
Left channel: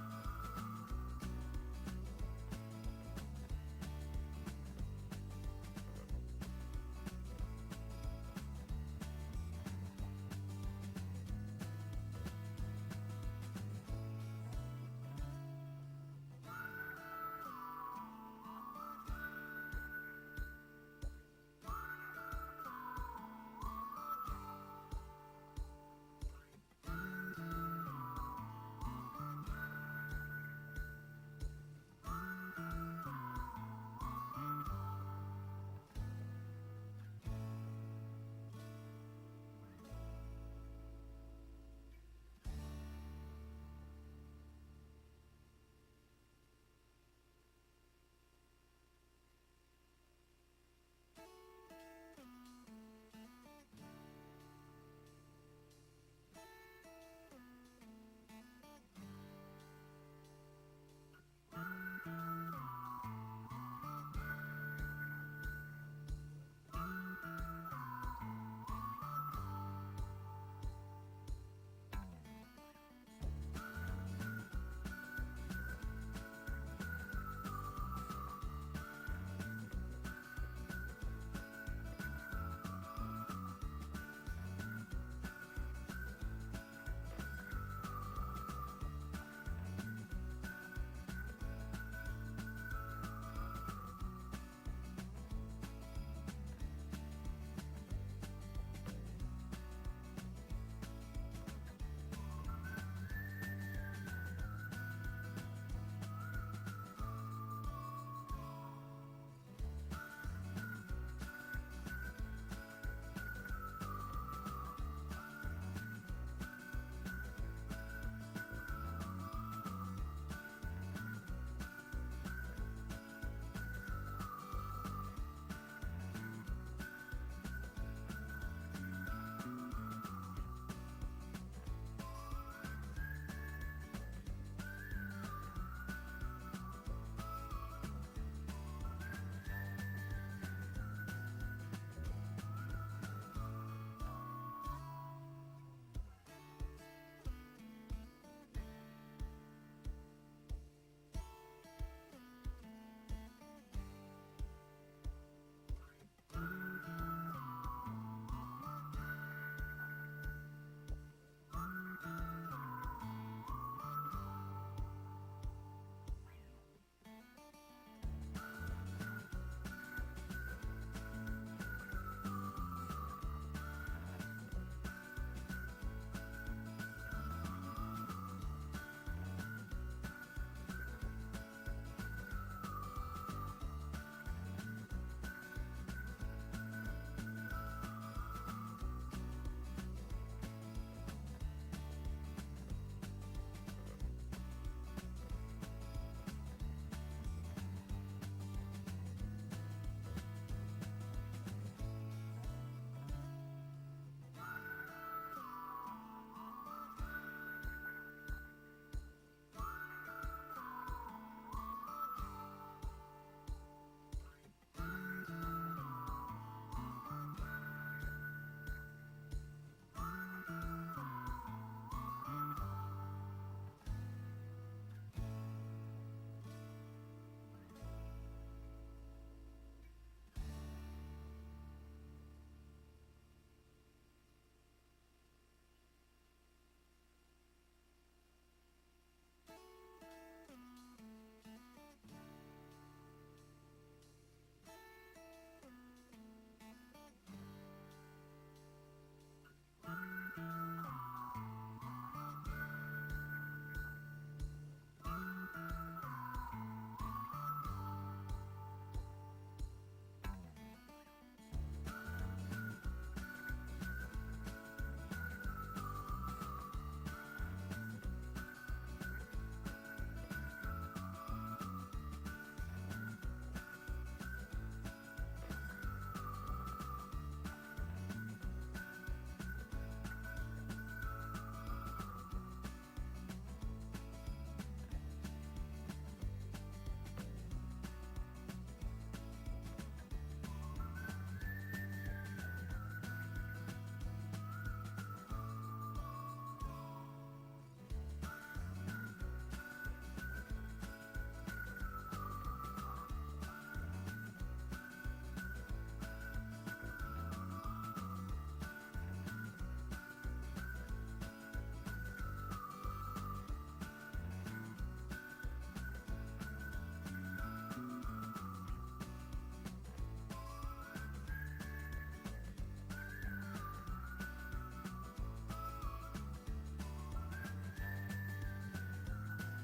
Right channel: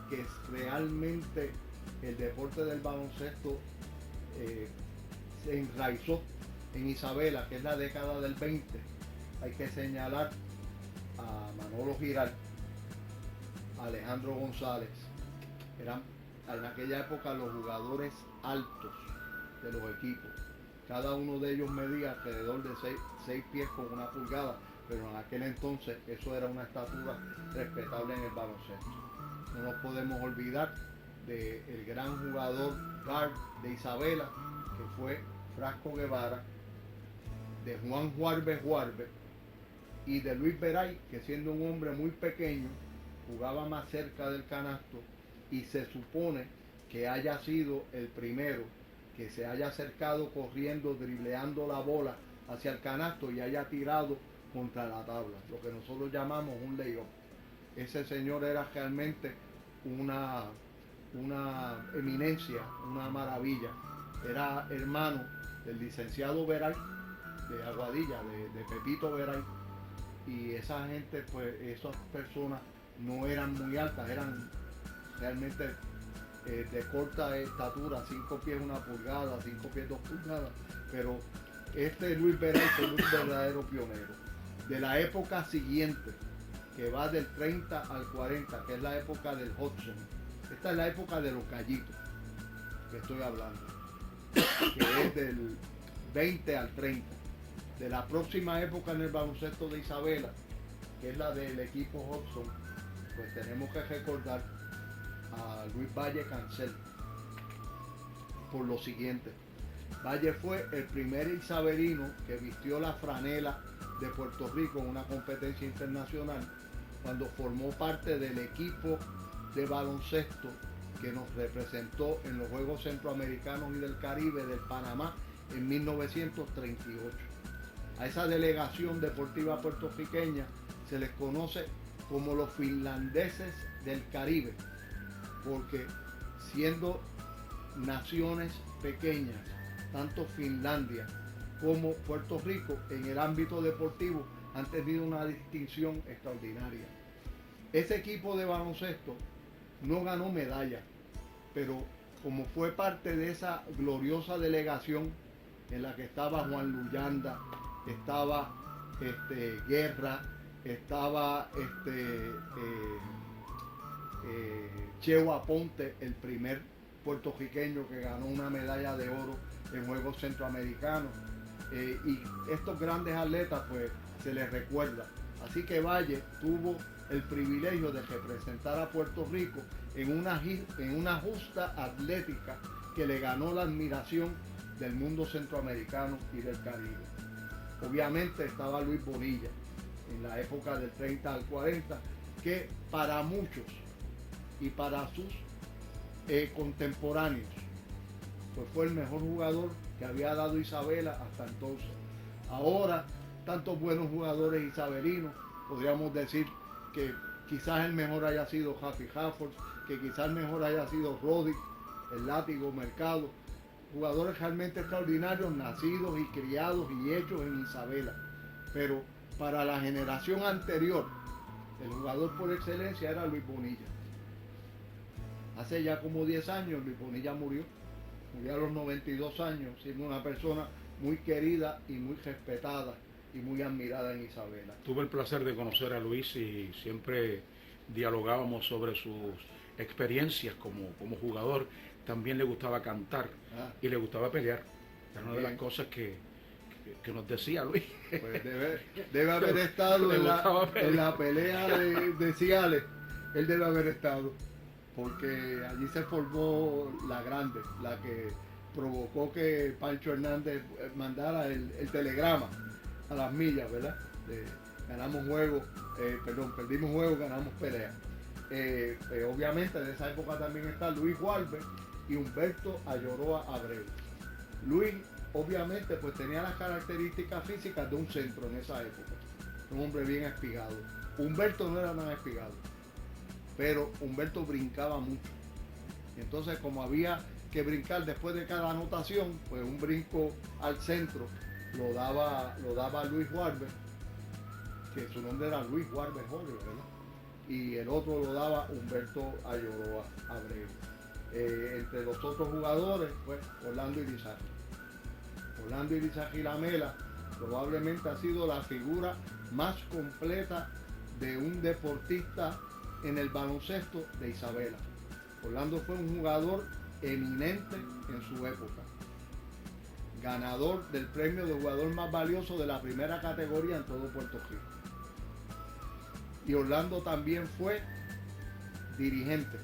que realmente el deporte del baloncesto se enraizó en Isabela, que es la década del 20, hay que señalar a Manolo Giral, a Alejandro González. Eran en aquella época los jugadores altos de los equipos. Cada uno de ellos medía alrededor de 6 pies con 1 pulgada, pero en aquel entonces eso era una estatura respetable en el baloncesto. No nos podemos olvidar del gran jugador guard de Isabela, que fue Frasco Guevara, de Juan Juarbe y de Luis Veray, que siendo un hombre muy pequeño, jugaba más cerca del canasto y se supone que haya sido el primero que se haya acercado corriendo, dribleando la bola hacia el canasto y haya tirado contra la tabla, lo que nosotros llamamos un layup. Ese señor era realmente una eminencia, una maravilla. Era hermano del licenciado Veray de Aguadilla, de Pepito Veray, y esa gente, pues esas personas no eran muy altas, eran realmente de corta estatura, 5 pies 1 pulgada, 5 pies 2 pulgadas, pero este Luis Veray fue un verdadero pionero. De la época siguiente, que va del 30 al 40, que es la época del Hudson, esta es la época de los Gallitos, que estoy hablando, que es del 20 al 30. De la próxima época en el baloncesto de Isabela, que es la del equipo Hudson, pues tenemos que recordar a Luis Valle Cancel por lo siguiente. Valle fue el primer isabelino que vistió la franela de Puerto Rico en una competencia internacional cuando formó parte del equipo de baloncesto que nos representó en los Juegos Centroamericanos y del Caribe del Panamá en 1938. A esa delegación deportiva puertorriqueña se les conoce como los finlandeses del Caribe, porque siendo naciones pequeñas, tanto Finlandia como Puerto Rico en el ámbito deportivo han tenido una distinción extraordinaria. Ese equipo de baloncesto no ganó medalla, pero como fue parte de esa gloriosa delegación en la que estaba Juan Luyanda, estaba Guerra, estaba Cheo Aponte, el primer puertorriqueño que ganó una medalla de oro en Juegos Centroamericanos, y estos grandes atletas pues se les recuerda. Así que Valle tuvo el privilegio de representar a Puerto Rico en una justa atlética que le ganó la admiración del mundo centroamericano y del Caribe. Obviamente estaba Luis Bonilla en la época del 30 al 40, que para muchos y para sus contemporáneos pues fue el mejor jugador que había dado Isabela hasta entonces. Ahora, tantos buenos jugadores isabelinos, podríamos decir que quizás el mejor haya sido Happy Hafford, que quizás el mejor haya sido Roddick, el Látigo, Mercado, jugadores realmente extraordinarios, nacidos y criados y hechos en Isabela. Pero para la generación anterior, el jugador por excelencia era Luis Bonilla. Hace ya como 10 años Luis Bonilla murió a los 92 años, siendo una persona muy querida y muy respetada y muy admirada en Isabela. Tuve el placer de conocer a Luis y siempre dialogábamos sobre sus experiencias como jugador. También le gustaba cantar y le gustaba pelear. Era una de las cosas que nos decía Luis. Pues debe haber estado en la pelea de Ciales. Él debe haber estado, porque allí se formó la grande, la que provocó que Pancho Hernández mandara el telegrama a las millas, ¿verdad? Ganamos juego, perdimos juego, ganamos pelea. Obviamente en esa época también está Luis Walber y Humberto Ayoroa Abreu. Luis obviamente pues tenía las características físicas de un centro en esa época, un hombre bien espigado. Humberto no era tan espigado, pero Humberto brincaba mucho. Entonces, como había que brincar después de cada anotación, pues un brinco al centro lo daba Luis Walber, que su nombre era Luis Walber Jorge, ¿verdad? Y el otro lo daba Humberto Ayoroa Abreu. Entre los otros jugadores, pues Orlando Irizarry. Orlando Irizarry Lamela probablemente ha sido la figura más completa de un deportista en el baloncesto de Isabela. Orlando fue un jugador eminente en su época, ganador del premio de jugador más valioso de la primera categoría en todo Puerto Rico. Y Orlando también fue dirigente,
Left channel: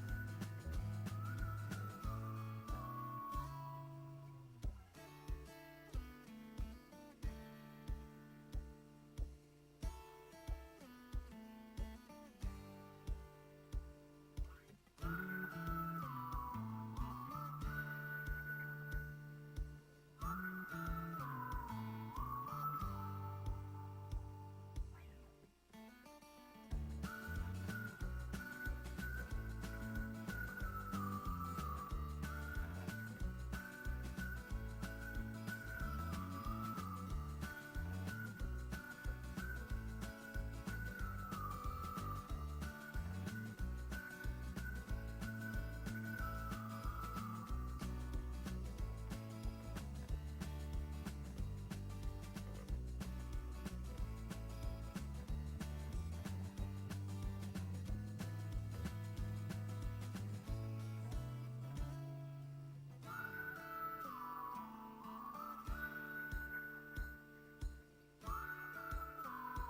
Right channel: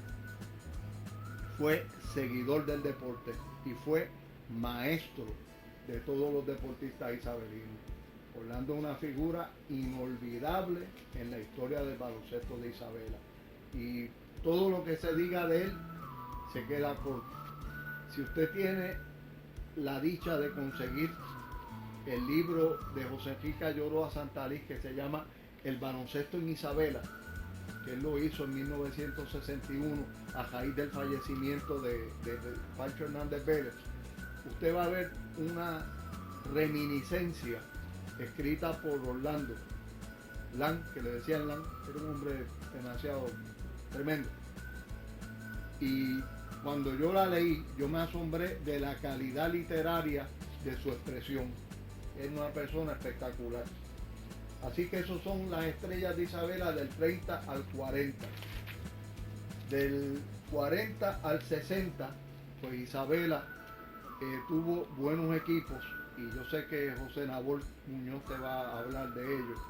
fue seguidor del deporte y fue maestro de todos los deportistas isabelinos. Orlando es una figura inolvidable en la historia del baloncesto de Isabela. Y todo lo que se diga de él se queda corto. Si usted tiene la dicha de conseguir el libro de José Enrique Ayoroa Santalís que se llama El baloncesto en Isabela, que él lo hizo en 1961 a raíz del fallecimiento de Pancho Hernández Vélez, usted va a ver una reminiscencia escrita por Orlando Lang, que le decían Lang, era un hombre demasiado tremendo. Y cuando yo la leí, yo me asombré de la calidad literaria de su expresión. Es una persona espectacular. Así que esos son las estrellas de Isabela del 30 al 40. Del 40 al 60, pues Isabela tuvo buenos equipos, y yo sé que José Nabor Muñoz te va a hablar de ellos.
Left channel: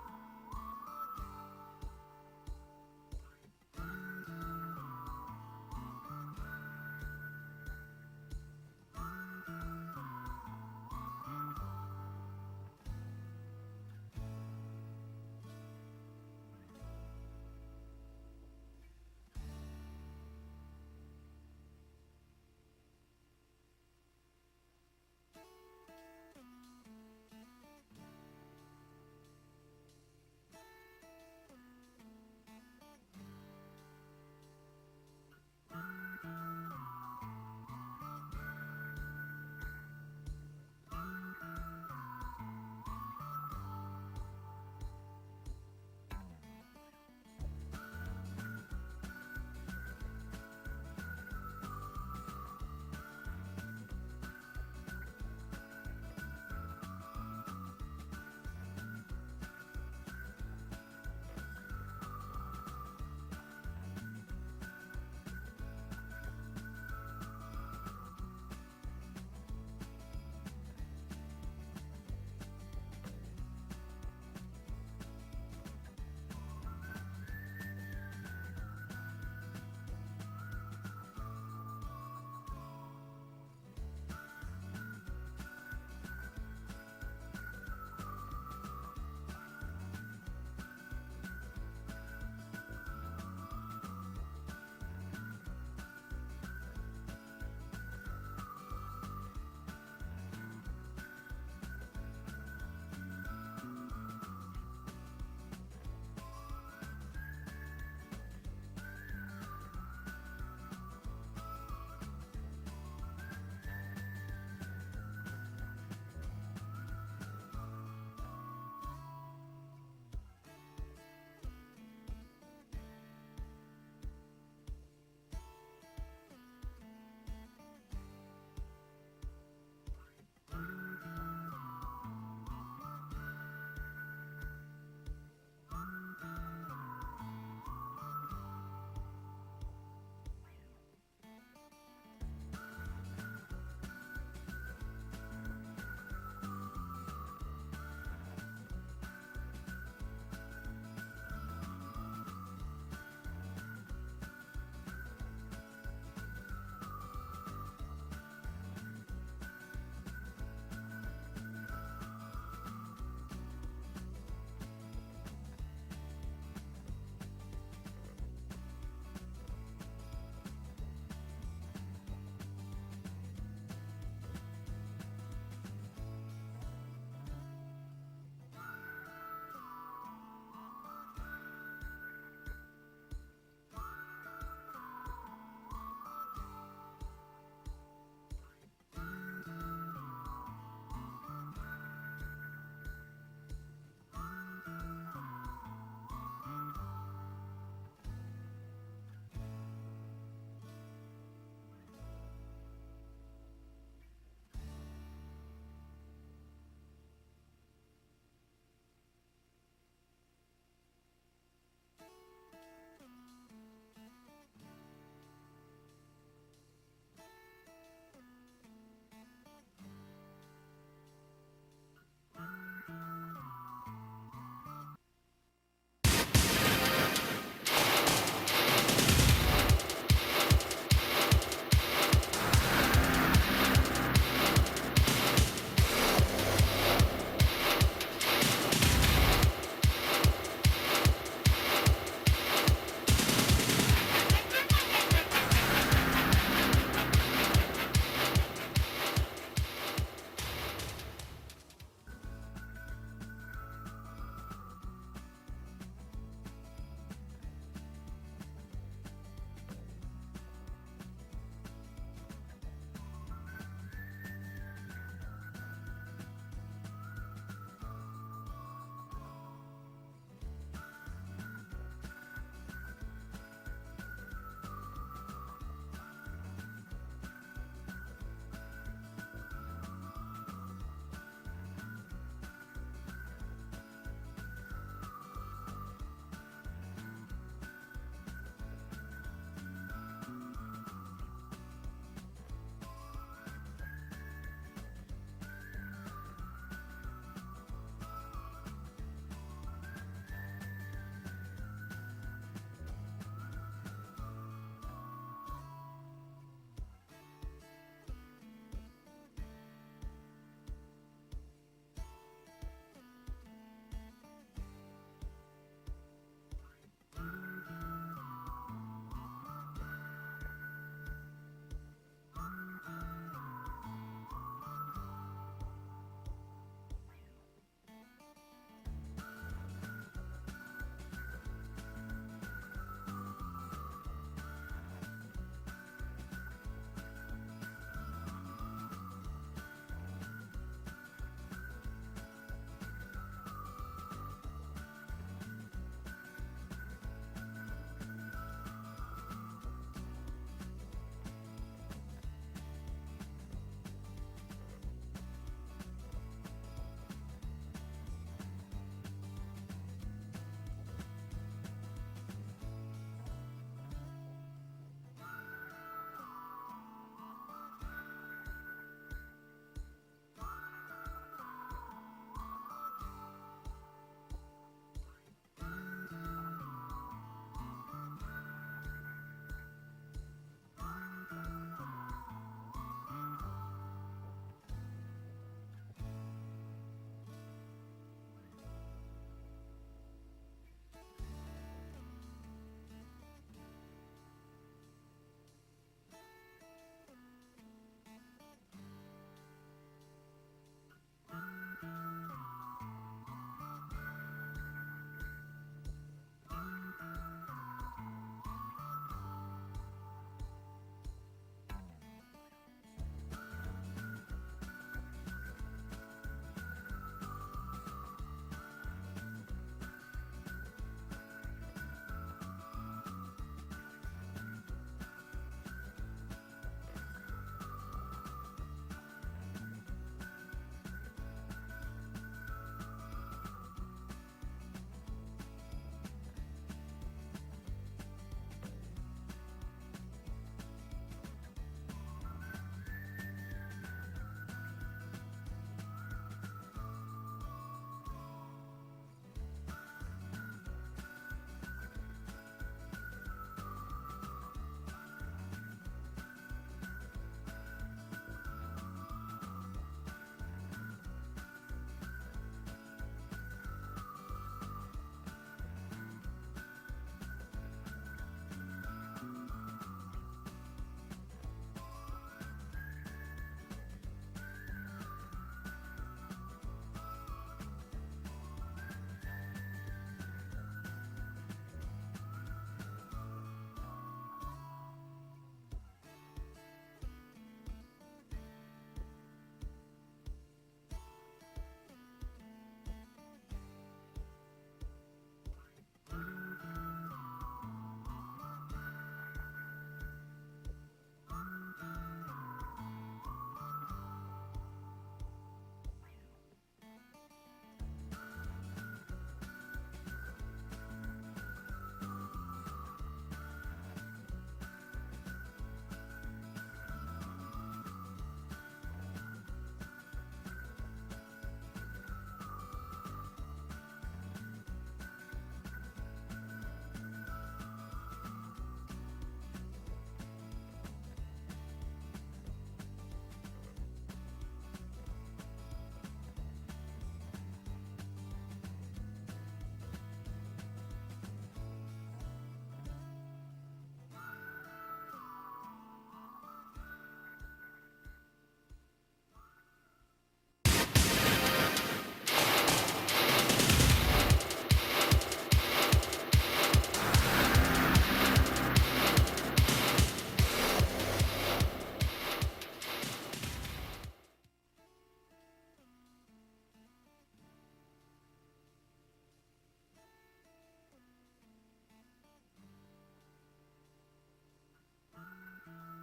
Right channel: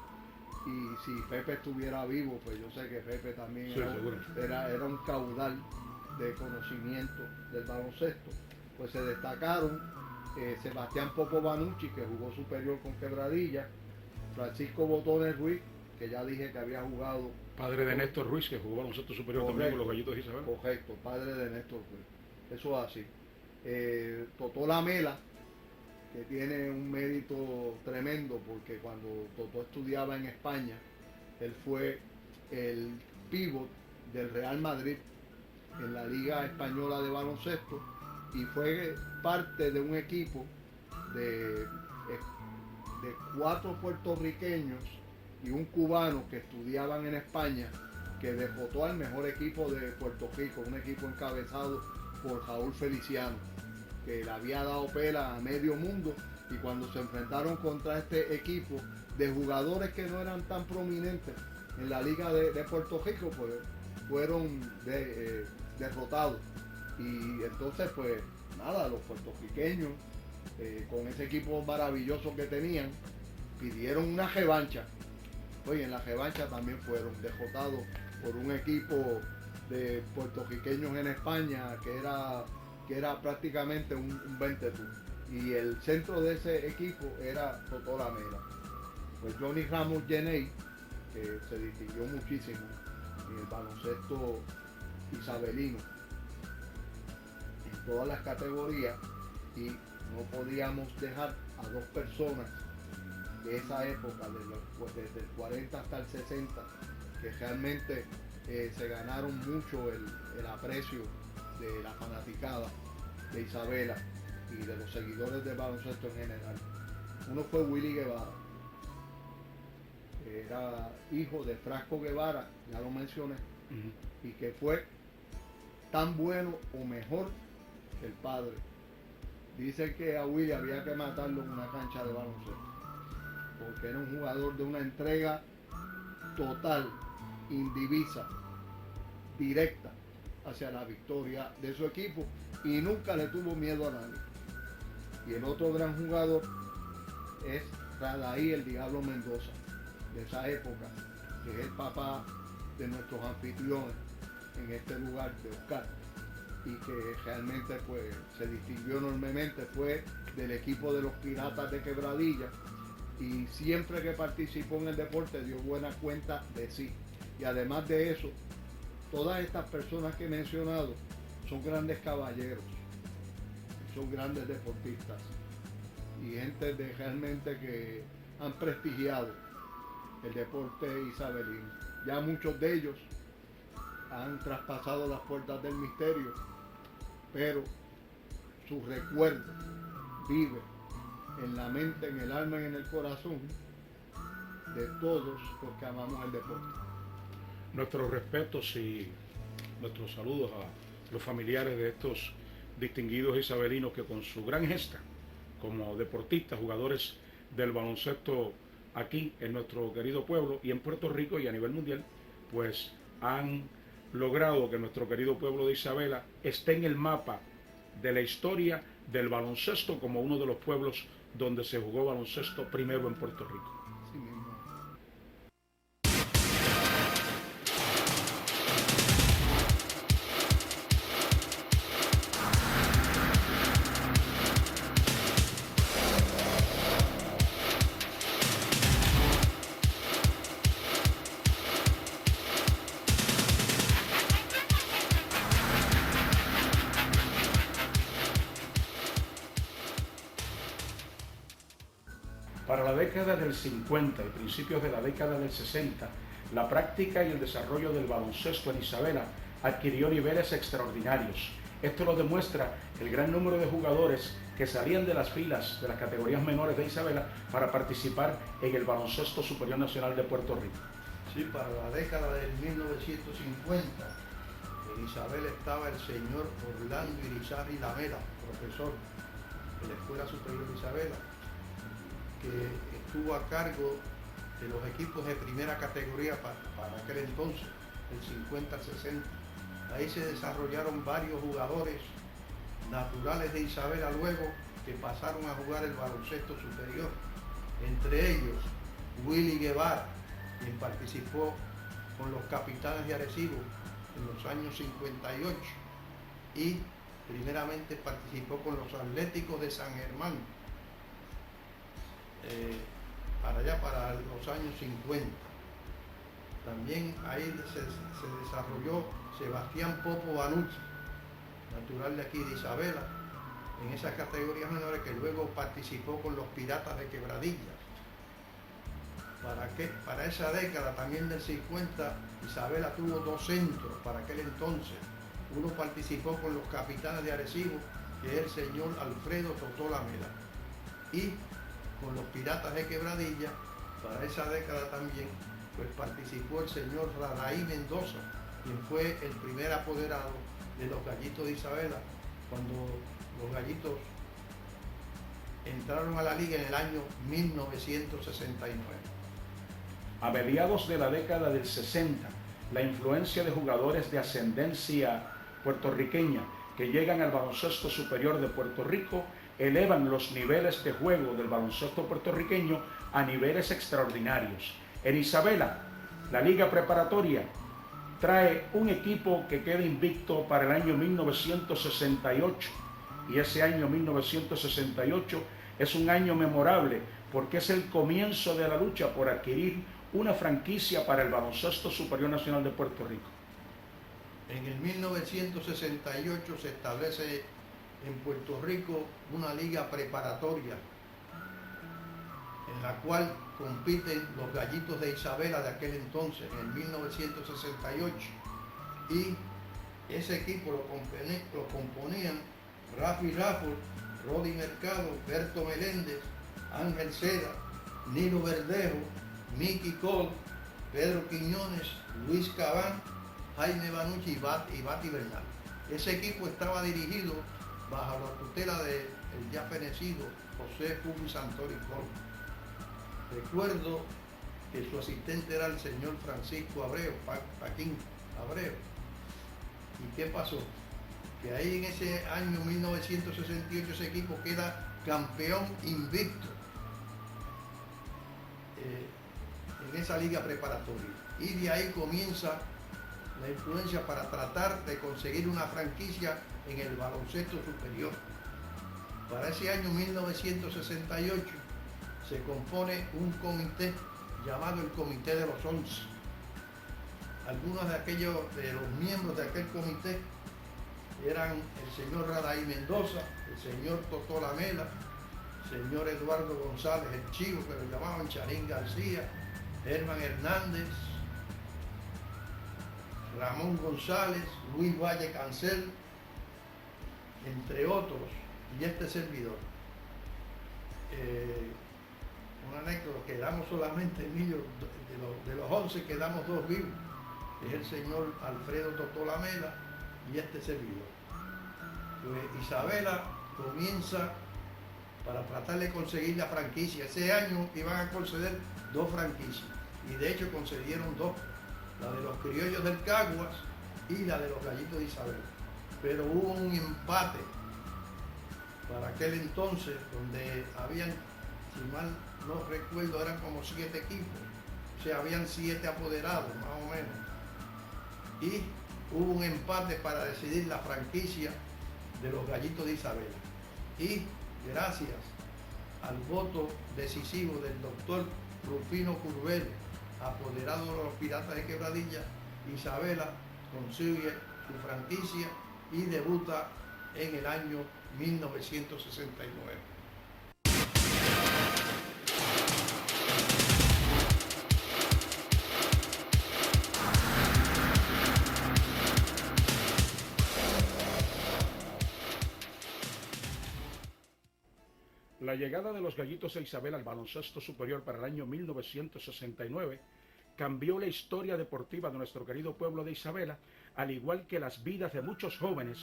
Y si Pepe estuviera vivo, pues yo sé que Pepe también era un caudal de conocimiento del baloncesto. Pues se destacaron Sebastián Poco Banucci, que jugó superior con Quebradilla, Francisco Botones Ruiz, que ya dije que había jugado. Padre de Néstor Ruiz, que jugó baloncesto superior también con los Gallitos de Isabela. Correcto, padre de Néstor Ruiz. Eso es así. Totó Lamela, que tiene un mérito tremendo, porque cuando Totó estudiaba en España, él fue el pívot del Real Madrid en la Liga Española de Baloncesto y fue parte de un equipo de 4 puertorriqueños y un cubano que estudiaban en España, que derrotó al mejor equipo de Puerto Rico, un equipo encabezado por Raúl Feliciano, que le había dado pela a medio mundo. Y cuando se enfrentaron contra este equipo de jugadores que no eran tan prominentes en la liga de Puerto Rico, pues fueron derrotados. Y entonces pues nada, los puertorriqueños con ese equipo maravilloso que tenían, pidieron una revancha. Oye, en la revancha también fueron derrotados por un equipo de puertorriqueños en España que era prácticamente un 20 tú. Y el centro de ese equipo era Totó Lamela. Pues Johnny Ramos Jeney se distinguió muchísimo en el baloncesto isabelino en todas las categorías, y no podíamos dejar a dos personas de esa época, desde el 40 hasta el 60, que realmente se ganaron mucho el aprecio de la fanaticada de Isabela y de los seguidores del baloncesto en general. Uno fue Willy Guevara, que era hijo de Frasco Guevara, ya lo mencioné, y que fue tan bueno o mejor que el padre. Dicen que a Willy había que matarlo en una cancha de baloncesto, porque era un jugador de una entrega total, indivisa, directa hacia la victoria de su equipo, y nunca le tuvo miedo a nadie. Y el otro gran jugador es Radaí el Diablo Mendoza, de esa época, que es el papá de nuestros anfitriones en este lugar de Oscar, y que realmente pues, se distinguió enormemente, fue del equipo de los Piratas de Quebradilla, y siempre que participó en el deporte dio buena cuenta de sí. Y además de eso, todas estas personas que he mencionado son grandes caballeros, son grandes deportistas y gente realmente que han prestigiado el deporte isabelino. Ya muchos de ellos han traspasado las puertas del misterio, pero su recuerdo vive en la mente, en el alma y en el corazón de todos los que amamos el deporte. Nuestros respetos y nuestros saludos a los familiares de estos distinguidos isabelinos que con su gran gesta como deportistas, jugadores del baloncesto aquí en nuestro querido pueblo y en Puerto Rico y a nivel mundial, pues han logrado que nuestro querido pueblo de Isabela esté en el mapa de la historia del baloncesto como uno de los pueblos donde se jugó baloncesto primero en Puerto Rico. Para la década del 50 y principios de la década del 60, la práctica y el desarrollo del baloncesto en Isabela adquirió niveles extraordinarios. Esto lo demuestra el gran número de jugadores que salían de las filas de las categorías menores de Isabela para participar en el baloncesto superior nacional de Puerto Rico. Sí, para la década del 1950, en Isabela estaba el señor Orlando Irizarry Lamela, profesor de la Escuela Superior de Isabela, que estuvo a cargo de los equipos de primera categoría para aquel entonces, del 50 al 60. Ahí se desarrollaron varios jugadores naturales de Isabela luego que pasaron a jugar el baloncesto superior. Entre ellos, Willy Guevara, quien participó con los Capitanes de Arecibo en los años 58 y primeramente participó con los Atléticos de San Germán para los años 50. También ahí se desarrolló Sebastián Popo Banucci, natural de aquí de Isabela, en esas categorías menores, que luego participó con los Piratas de Quebradillas. Para esa década también del 50, Isabela tuvo dos centros para aquel entonces. Uno participó con los Capitanes de Arecibo, que es el señor Alfredo Totó Lamela, y con los Piratas de Quebradilla, para esa década también, pues participó el señor Radaí Mendoza, quien fue el primer apoderado de los Gallitos de Isabela, cuando los Gallitos entraron a la liga en el año 1969. A mediados de la década del 60, la influencia de jugadores de ascendencia puertorriqueña que llegan al baloncesto superior de Puerto Rico elevan los niveles de juego del baloncesto puertorriqueño a niveles extraordinarios. En Isabela, la liga preparatoria trae un equipo que queda invicto para el año 1968, y ese año 1968 es un año memorable porque es el comienzo de la lucha por adquirir una franquicia para el baloncesto superior nacional de Puerto Rico. En el 1968 se establece en Puerto Rico una liga preparatoria en la cual compiten los Gallitos de Isabela de aquel entonces, en 1968, y ese equipo lo componían Rafi Rafford, Rodi Mercado, Berto Meléndez, Ángel Seda, Nilo Verdejo, Mickey Cole, Pedro Quiñones, Luis Cabán, Jaime Banucci y Bati Bernal. Ese equipo estaba dirigido bajo la tutela del ya fenecido José Publi Santori Flores. Recuerdo que su asistente era el señor Francisco Abreu, Paquín Abreu. ¿Y qué pasó? Que ahí en ese año 1968 ese equipo queda campeón invicto en esa liga preparatoria. Y de ahí comienza la influencia para tratar de conseguir una franquicia en el baloncesto superior. Para ese año 1968 se compone un comité llamado el Comité de los 11. Algunos de los miembros de aquel comité eran el señor Radaí Mendoza, el señor Totó Lamela, el señor Eduardo González, el Chivo, que lo llamaban Charín García, Herman Hernández, Ramón González, Luis Valle Cancel, entre otros, y este servidor. Una anécdota, quedamos solamente niños, de los 11 quedamos 2 vivos, es el señor Alfredo Totó Lamela y este servidor. Pues Isabela comienza para tratar de conseguir la franquicia. Ese año iban a conceder 2 franquicias, y de hecho concedieron 2, la de los Criollos del Caguas y la de los Gallitos de Isabela. Pero hubo un empate para aquel entonces, donde habían, si mal no recuerdo, eran como 7 equipos, o sea, habían 7 apoderados más o menos, y hubo un empate para decidir la franquicia de los Gallitos de Isabela. Y gracias al voto decisivo del doctor Rufino Curbelo, apoderado de los Piratas de Quebradilla, Isabela consigue su franquicia y debuta en el año 1969. La llegada de los Gallitos de Isabela al baloncesto superior para el año 1969 cambió la historia deportiva de nuestro querido pueblo de Isabela, al igual que las vidas de muchos jóvenes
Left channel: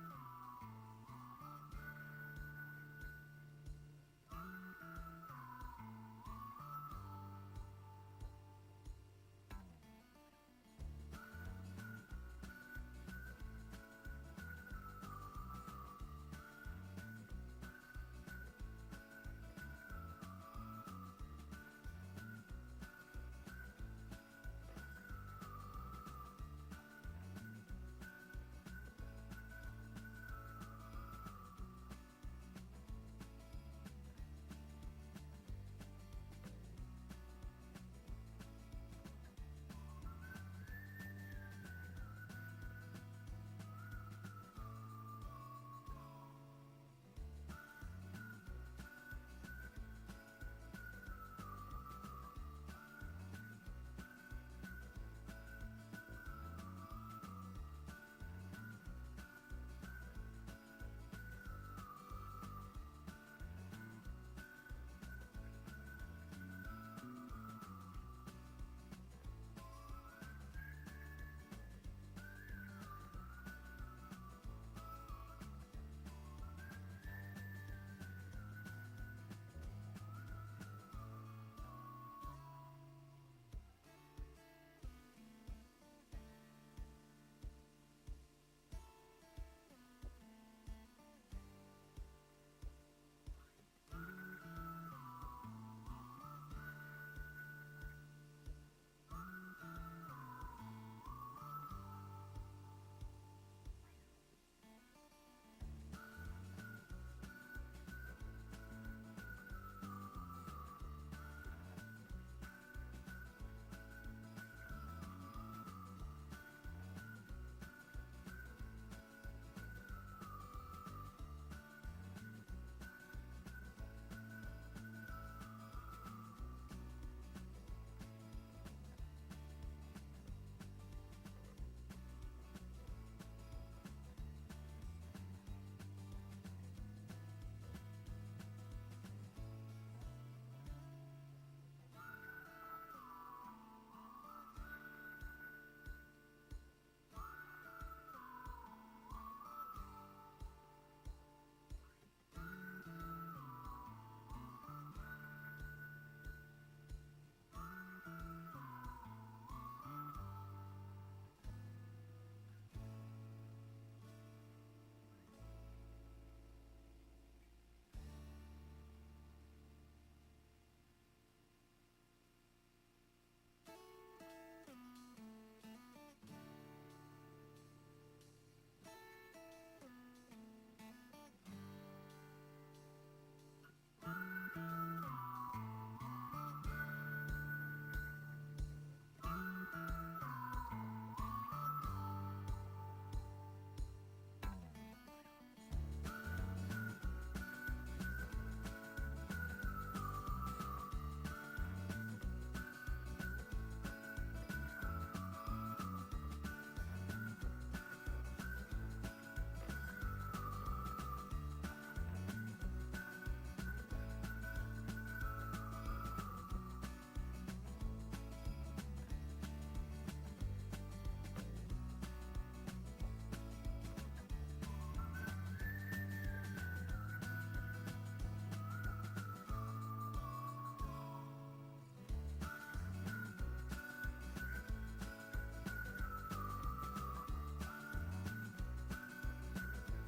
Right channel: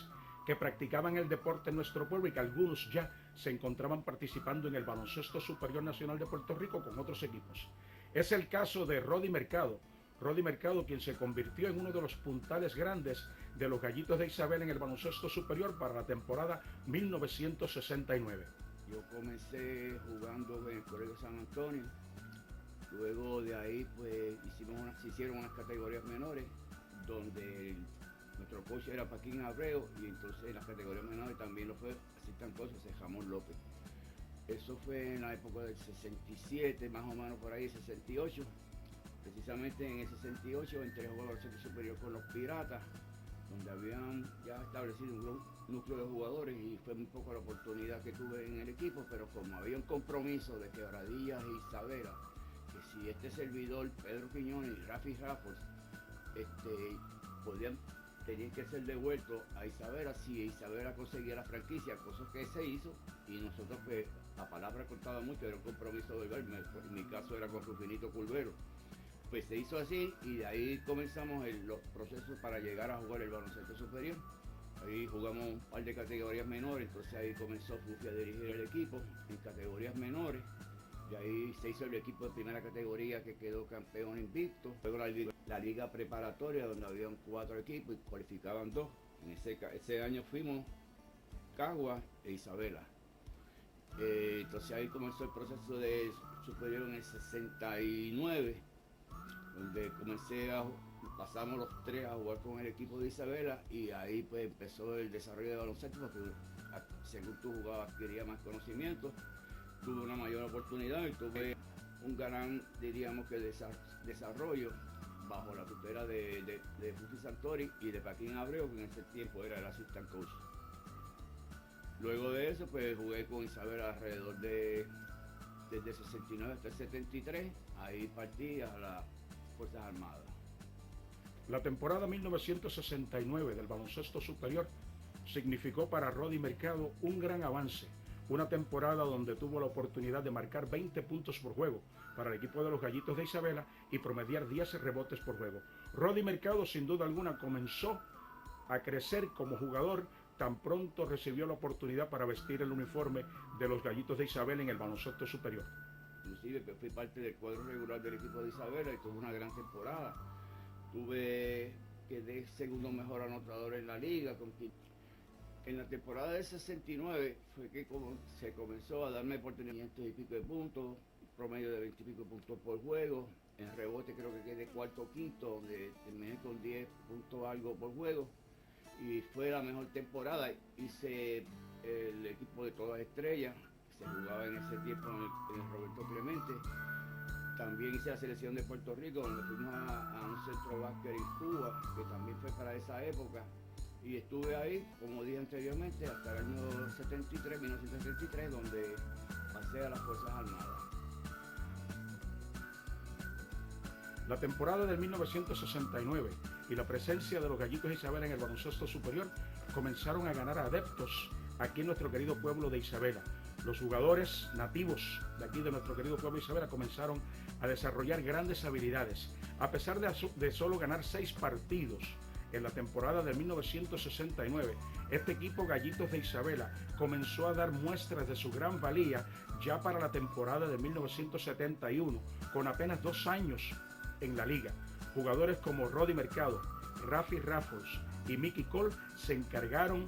que practicaban el deporte en nuestro pueblo y que algunos ya se encontraban participando en el baloncesto superior nacional de Puerto Rico con otros equipos. Es el caso de Rodi Mercado, quien se convirtió en uno de los puntales grandes de los Gallitos de Isabela en el baloncesto superior para la temporada 1969. Yo comencé jugando en el Colegio San Antonio, luego de ahí pues se hicieron unas categorías menores donde nuestro coach era Paquín Abreu, y entonces en las categorías menores también lo fue asistan cosas de Ramón López. Eso fue en la época del 67, más o menos por ahí, 68. Precisamente en el 68 entré a jugar al centro superior con los Piratas, donde habían ya establecido un núcleo de jugadores, y fue un poco la oportunidad que tuve en el equipo, pero como había un compromiso de Quebradillas e Isabela, que si este servidor, Pedro Quiñones y Rafi Rafford, tenían que ser devueltos a Isabela si Isabela conseguía la franquicia, cosa que se hizo, y nosotros pues la palabra cortaba mucho, era un compromiso verbal, en mi caso era con Rufinito Curbelo. Pues se hizo así, y de ahí comenzamos los procesos para llegar a jugar el baloncesto superior. Ahí jugamos un par de categorías menores, entonces ahí comenzó Fufi a dirigir el equipo en categorías menores, y ahí se hizo el equipo de primera categoría que quedó campeón invicto. Luego la liga preparatoria, donde habían 4 equipos y cualificaban 2. En ese año fuimos Caguas e Isabela. Entonces ahí comenzó el proceso de superior en el 69, donde pasamos los tres a jugar con el equipo de Isabela y ahí pues empezó el desarrollo de baloncesto porque según tú jugabas adquiría más conocimiento, tuve una mayor oportunidad y tuve un gran, diríamos que desarrollo bajo la tutela de Fufi Santori y de Paquín Abreu, que en ese tiempo era el assistant coach. Luego de eso pues jugué con Isabela alrededor desde 69 hasta el 73, ahí partí a las Fuerzas Armadas. La temporada 1969 del baloncesto superior significó para Rody Mercado un gran avance, una temporada donde tuvo la oportunidad de marcar 20 puntos por juego para el equipo de los Gallitos de Isabela y promediar 10 rebotes por juego. Rody Mercado sin duda alguna comenzó a crecer como jugador tan pronto recibió la oportunidad para vestir el uniforme de los Gallitos de Isabela en el baloncesto superior. Inclusive que fui parte del cuadro regular del equipo de Isabela y tuve una gran temporada. Quedé segundo mejor anotador en la liga. En la temporada del 69 fue que se comenzó a darme oportunidades de 500 y pico de puntos, promedio de 20 y pico puntos por juego. En rebote creo que quedé cuarto o quinto, donde terminé con 10 puntos algo por juego. Y fue la mejor temporada. Hice el equipo de todas estrellas, se jugaba en ese tiempo en el Roberto Clemente. También hice la selección de Puerto Rico, donde fuimos a un centro básquet en Cuba, que también fue para esa época. Y estuve ahí, como dije anteriormente, hasta el año 1973, donde pasé a las Fuerzas Armadas. La temporada de 1969 y la presencia de los Gallitos de Isabela en el baloncesto superior comenzaron a ganar adeptos aquí en nuestro querido pueblo de Isabela. Los jugadores nativos de aquí de nuestro querido pueblo de Isabela comenzaron a desarrollar grandes habilidades. A pesar de solo ganar 6 partidos en la temporada de 1969, este equipo Gallitos de Isabela comenzó a dar muestras de su gran valía ya para la temporada de 1971, con apenas 2 años en la liga. Jugadores como Rody Mercado, Rafi Raffles y Mickey Cole se encargaron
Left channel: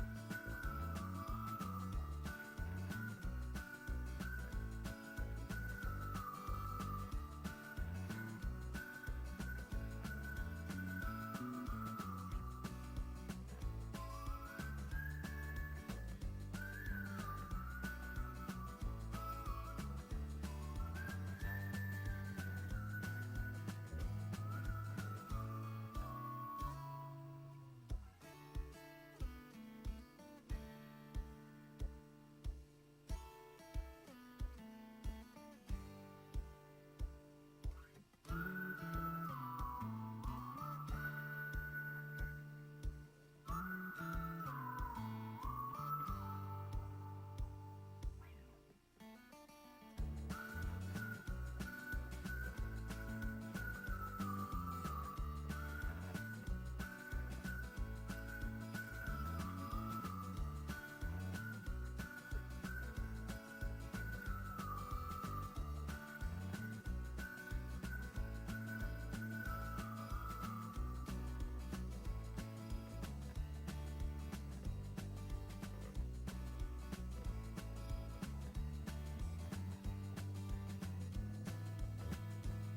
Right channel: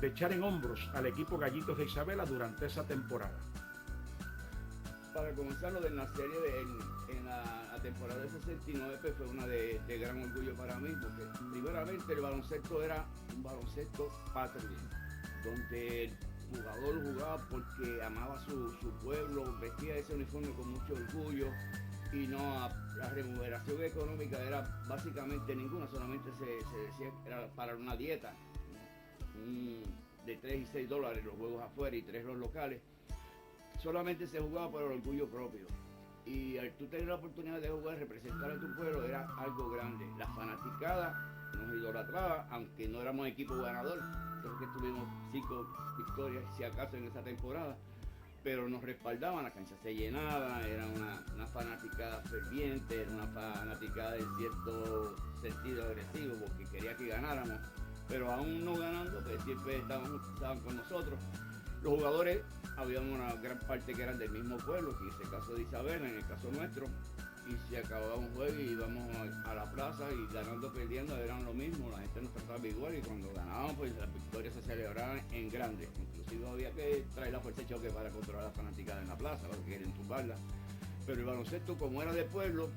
de echar en hombros al equipo Gallitos de Isabela durante esa temporada. Para comenzar lo de la serie en la temporada del 69 pues fue una de gran orgullo para mí, porque primeramente el baloncesto era un baloncesto patrio, donde el jugador jugaba porque amaba su pueblo, vestía ese uniforme con mucho orgullo y la remuneración económica era básicamente ninguna, solamente se decía que era para una dieta de 3 y 6 dólares los juegos afuera y 3 los locales. Solamente se jugaba por el orgullo propio y al tú tener la oportunidad de jugar, representar a tu pueblo era algo grande. La fanaticada nos idolatraba, aunque no éramos equipo ganador, porque tuvimos 5 victorias si acaso en esa temporada, pero nos respaldaban, la cancha se llenaba, era una fanaticada ferviente, era una fanaticada en cierto sentido agresivo porque quería que ganáramos, pero aún no ganando, pues siempre estaban con nosotros. Los jugadores, había una gran parte que eran del mismo pueblo, que en este caso de Isabela, en el caso nuestro, y si acababa un juego y íbamos a la plaza y ganando o perdiendo eran lo mismo, la gente nos trataba igual y cuando ganábamos pues las victorias se celebraban en grande. Inclusive había que traer la fuerza de choque para controlar a la fanaticada en la plaza, para que quieren tumbarla. Pero el baloncesto, como era de pueblo,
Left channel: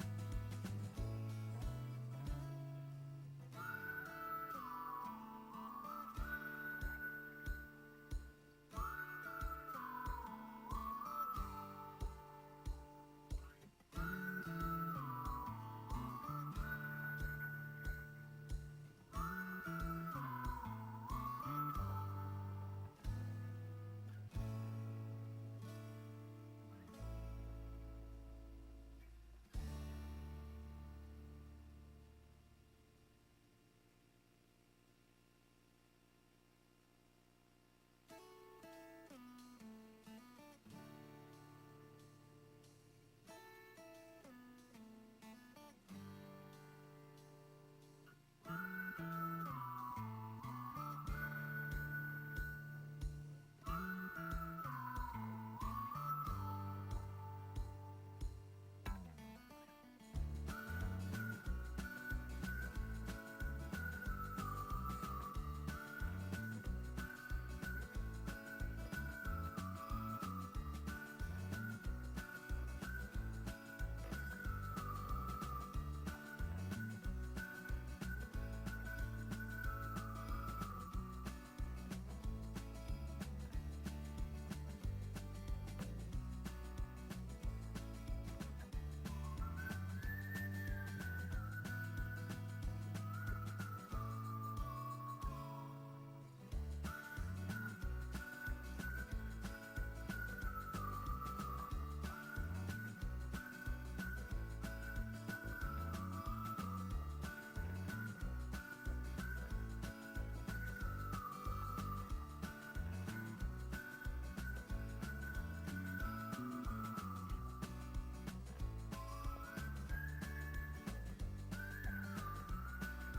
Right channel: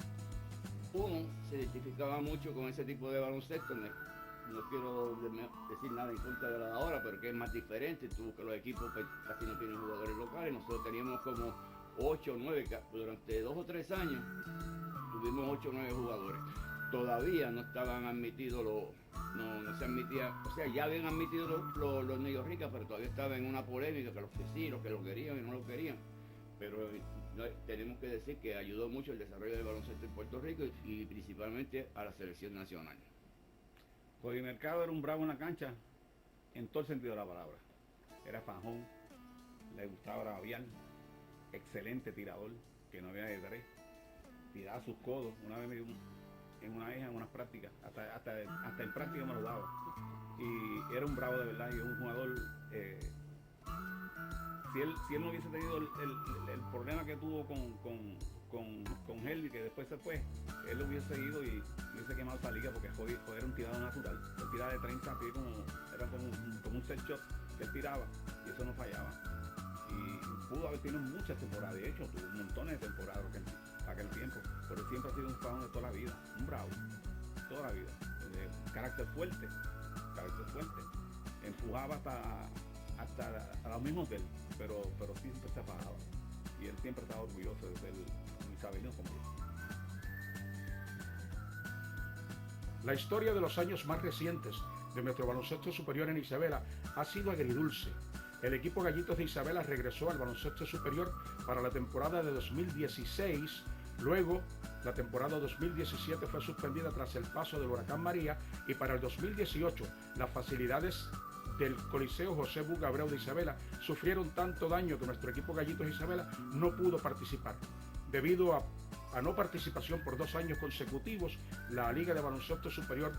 uno se identificaba mucho con ese tipo de baloncesto. No quiero decir nada en contra de la de ahora, pero que es más diferente. Tú que los equipos pues, casi no tienen jugadores locales. Nosotros teníamos como 8 o 9, durante 2 o 3 años tuvimos 8 o 9 jugadores. Todavía no estaban admitidos no se admitía, o sea, ya habían admitido los New Ricas, pero todavía estaba en una polémica que los que sí, los que los querían y no los querían. Pero tenemos que decir que ayudó mucho el desarrollo del baloncesto en Puerto Rico y principalmente a la selección nacional. Rody Mercado era un bravo en la cancha en todo el sentido de la palabra. Era fajón, le gustaba braviar, excelente tirador, que no había de 3, tiraba sus codos. Una vez me dio en unas prácticas, hasta en práctica me lo daba. Y era un bravo de verdad, y un jugador, si él no hubiese tenido el problema que tuvo con Helvi, que después se fue, él lo hubiese seguido y hubiese quemado esa liga porque fue un tirado natural. Él tiraba de 30 así como un set shot que él tiraba y eso no fallaba. Y La historia de los años más recientes de nuestro baloncesto superior en Isabela ha sido agridulce. El equipo Gallitos de Isabela regresó al baloncesto superior para la temporada de 2016. Luego, la temporada 2017 fue suspendida tras el paso del huracán María, y para el 2018 las facilidades del Coliseo José Buga Abreu de Isabela sufrieron tanto daño que nuestro equipo Gallitos de Isabela no pudo participar. Debido a no participación por 2 años consecutivos, la Liga de Baloncesto Superior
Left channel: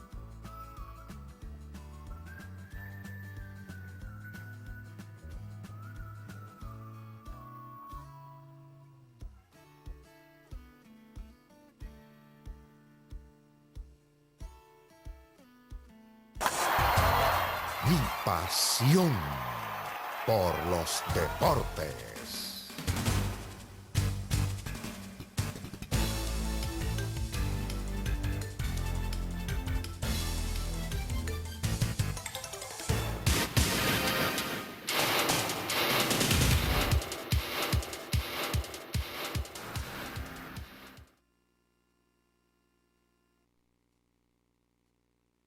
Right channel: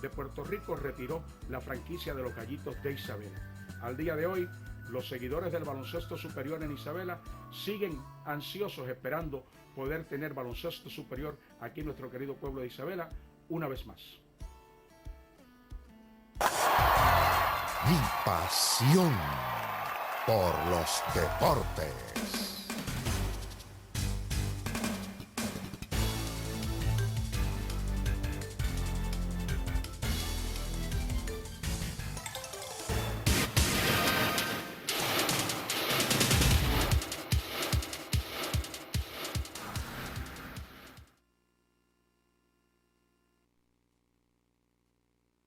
de Puerto Rico retiró la franquicia de los Gallitos de Isabela. Al día de hoy, los seguidores del baloncesto superior en Isabela siguen ansiosos esperando poder tener baloncesto superior aquí en nuestro querido pueblo de Isabela una vez más. Mi pasión por los deportes.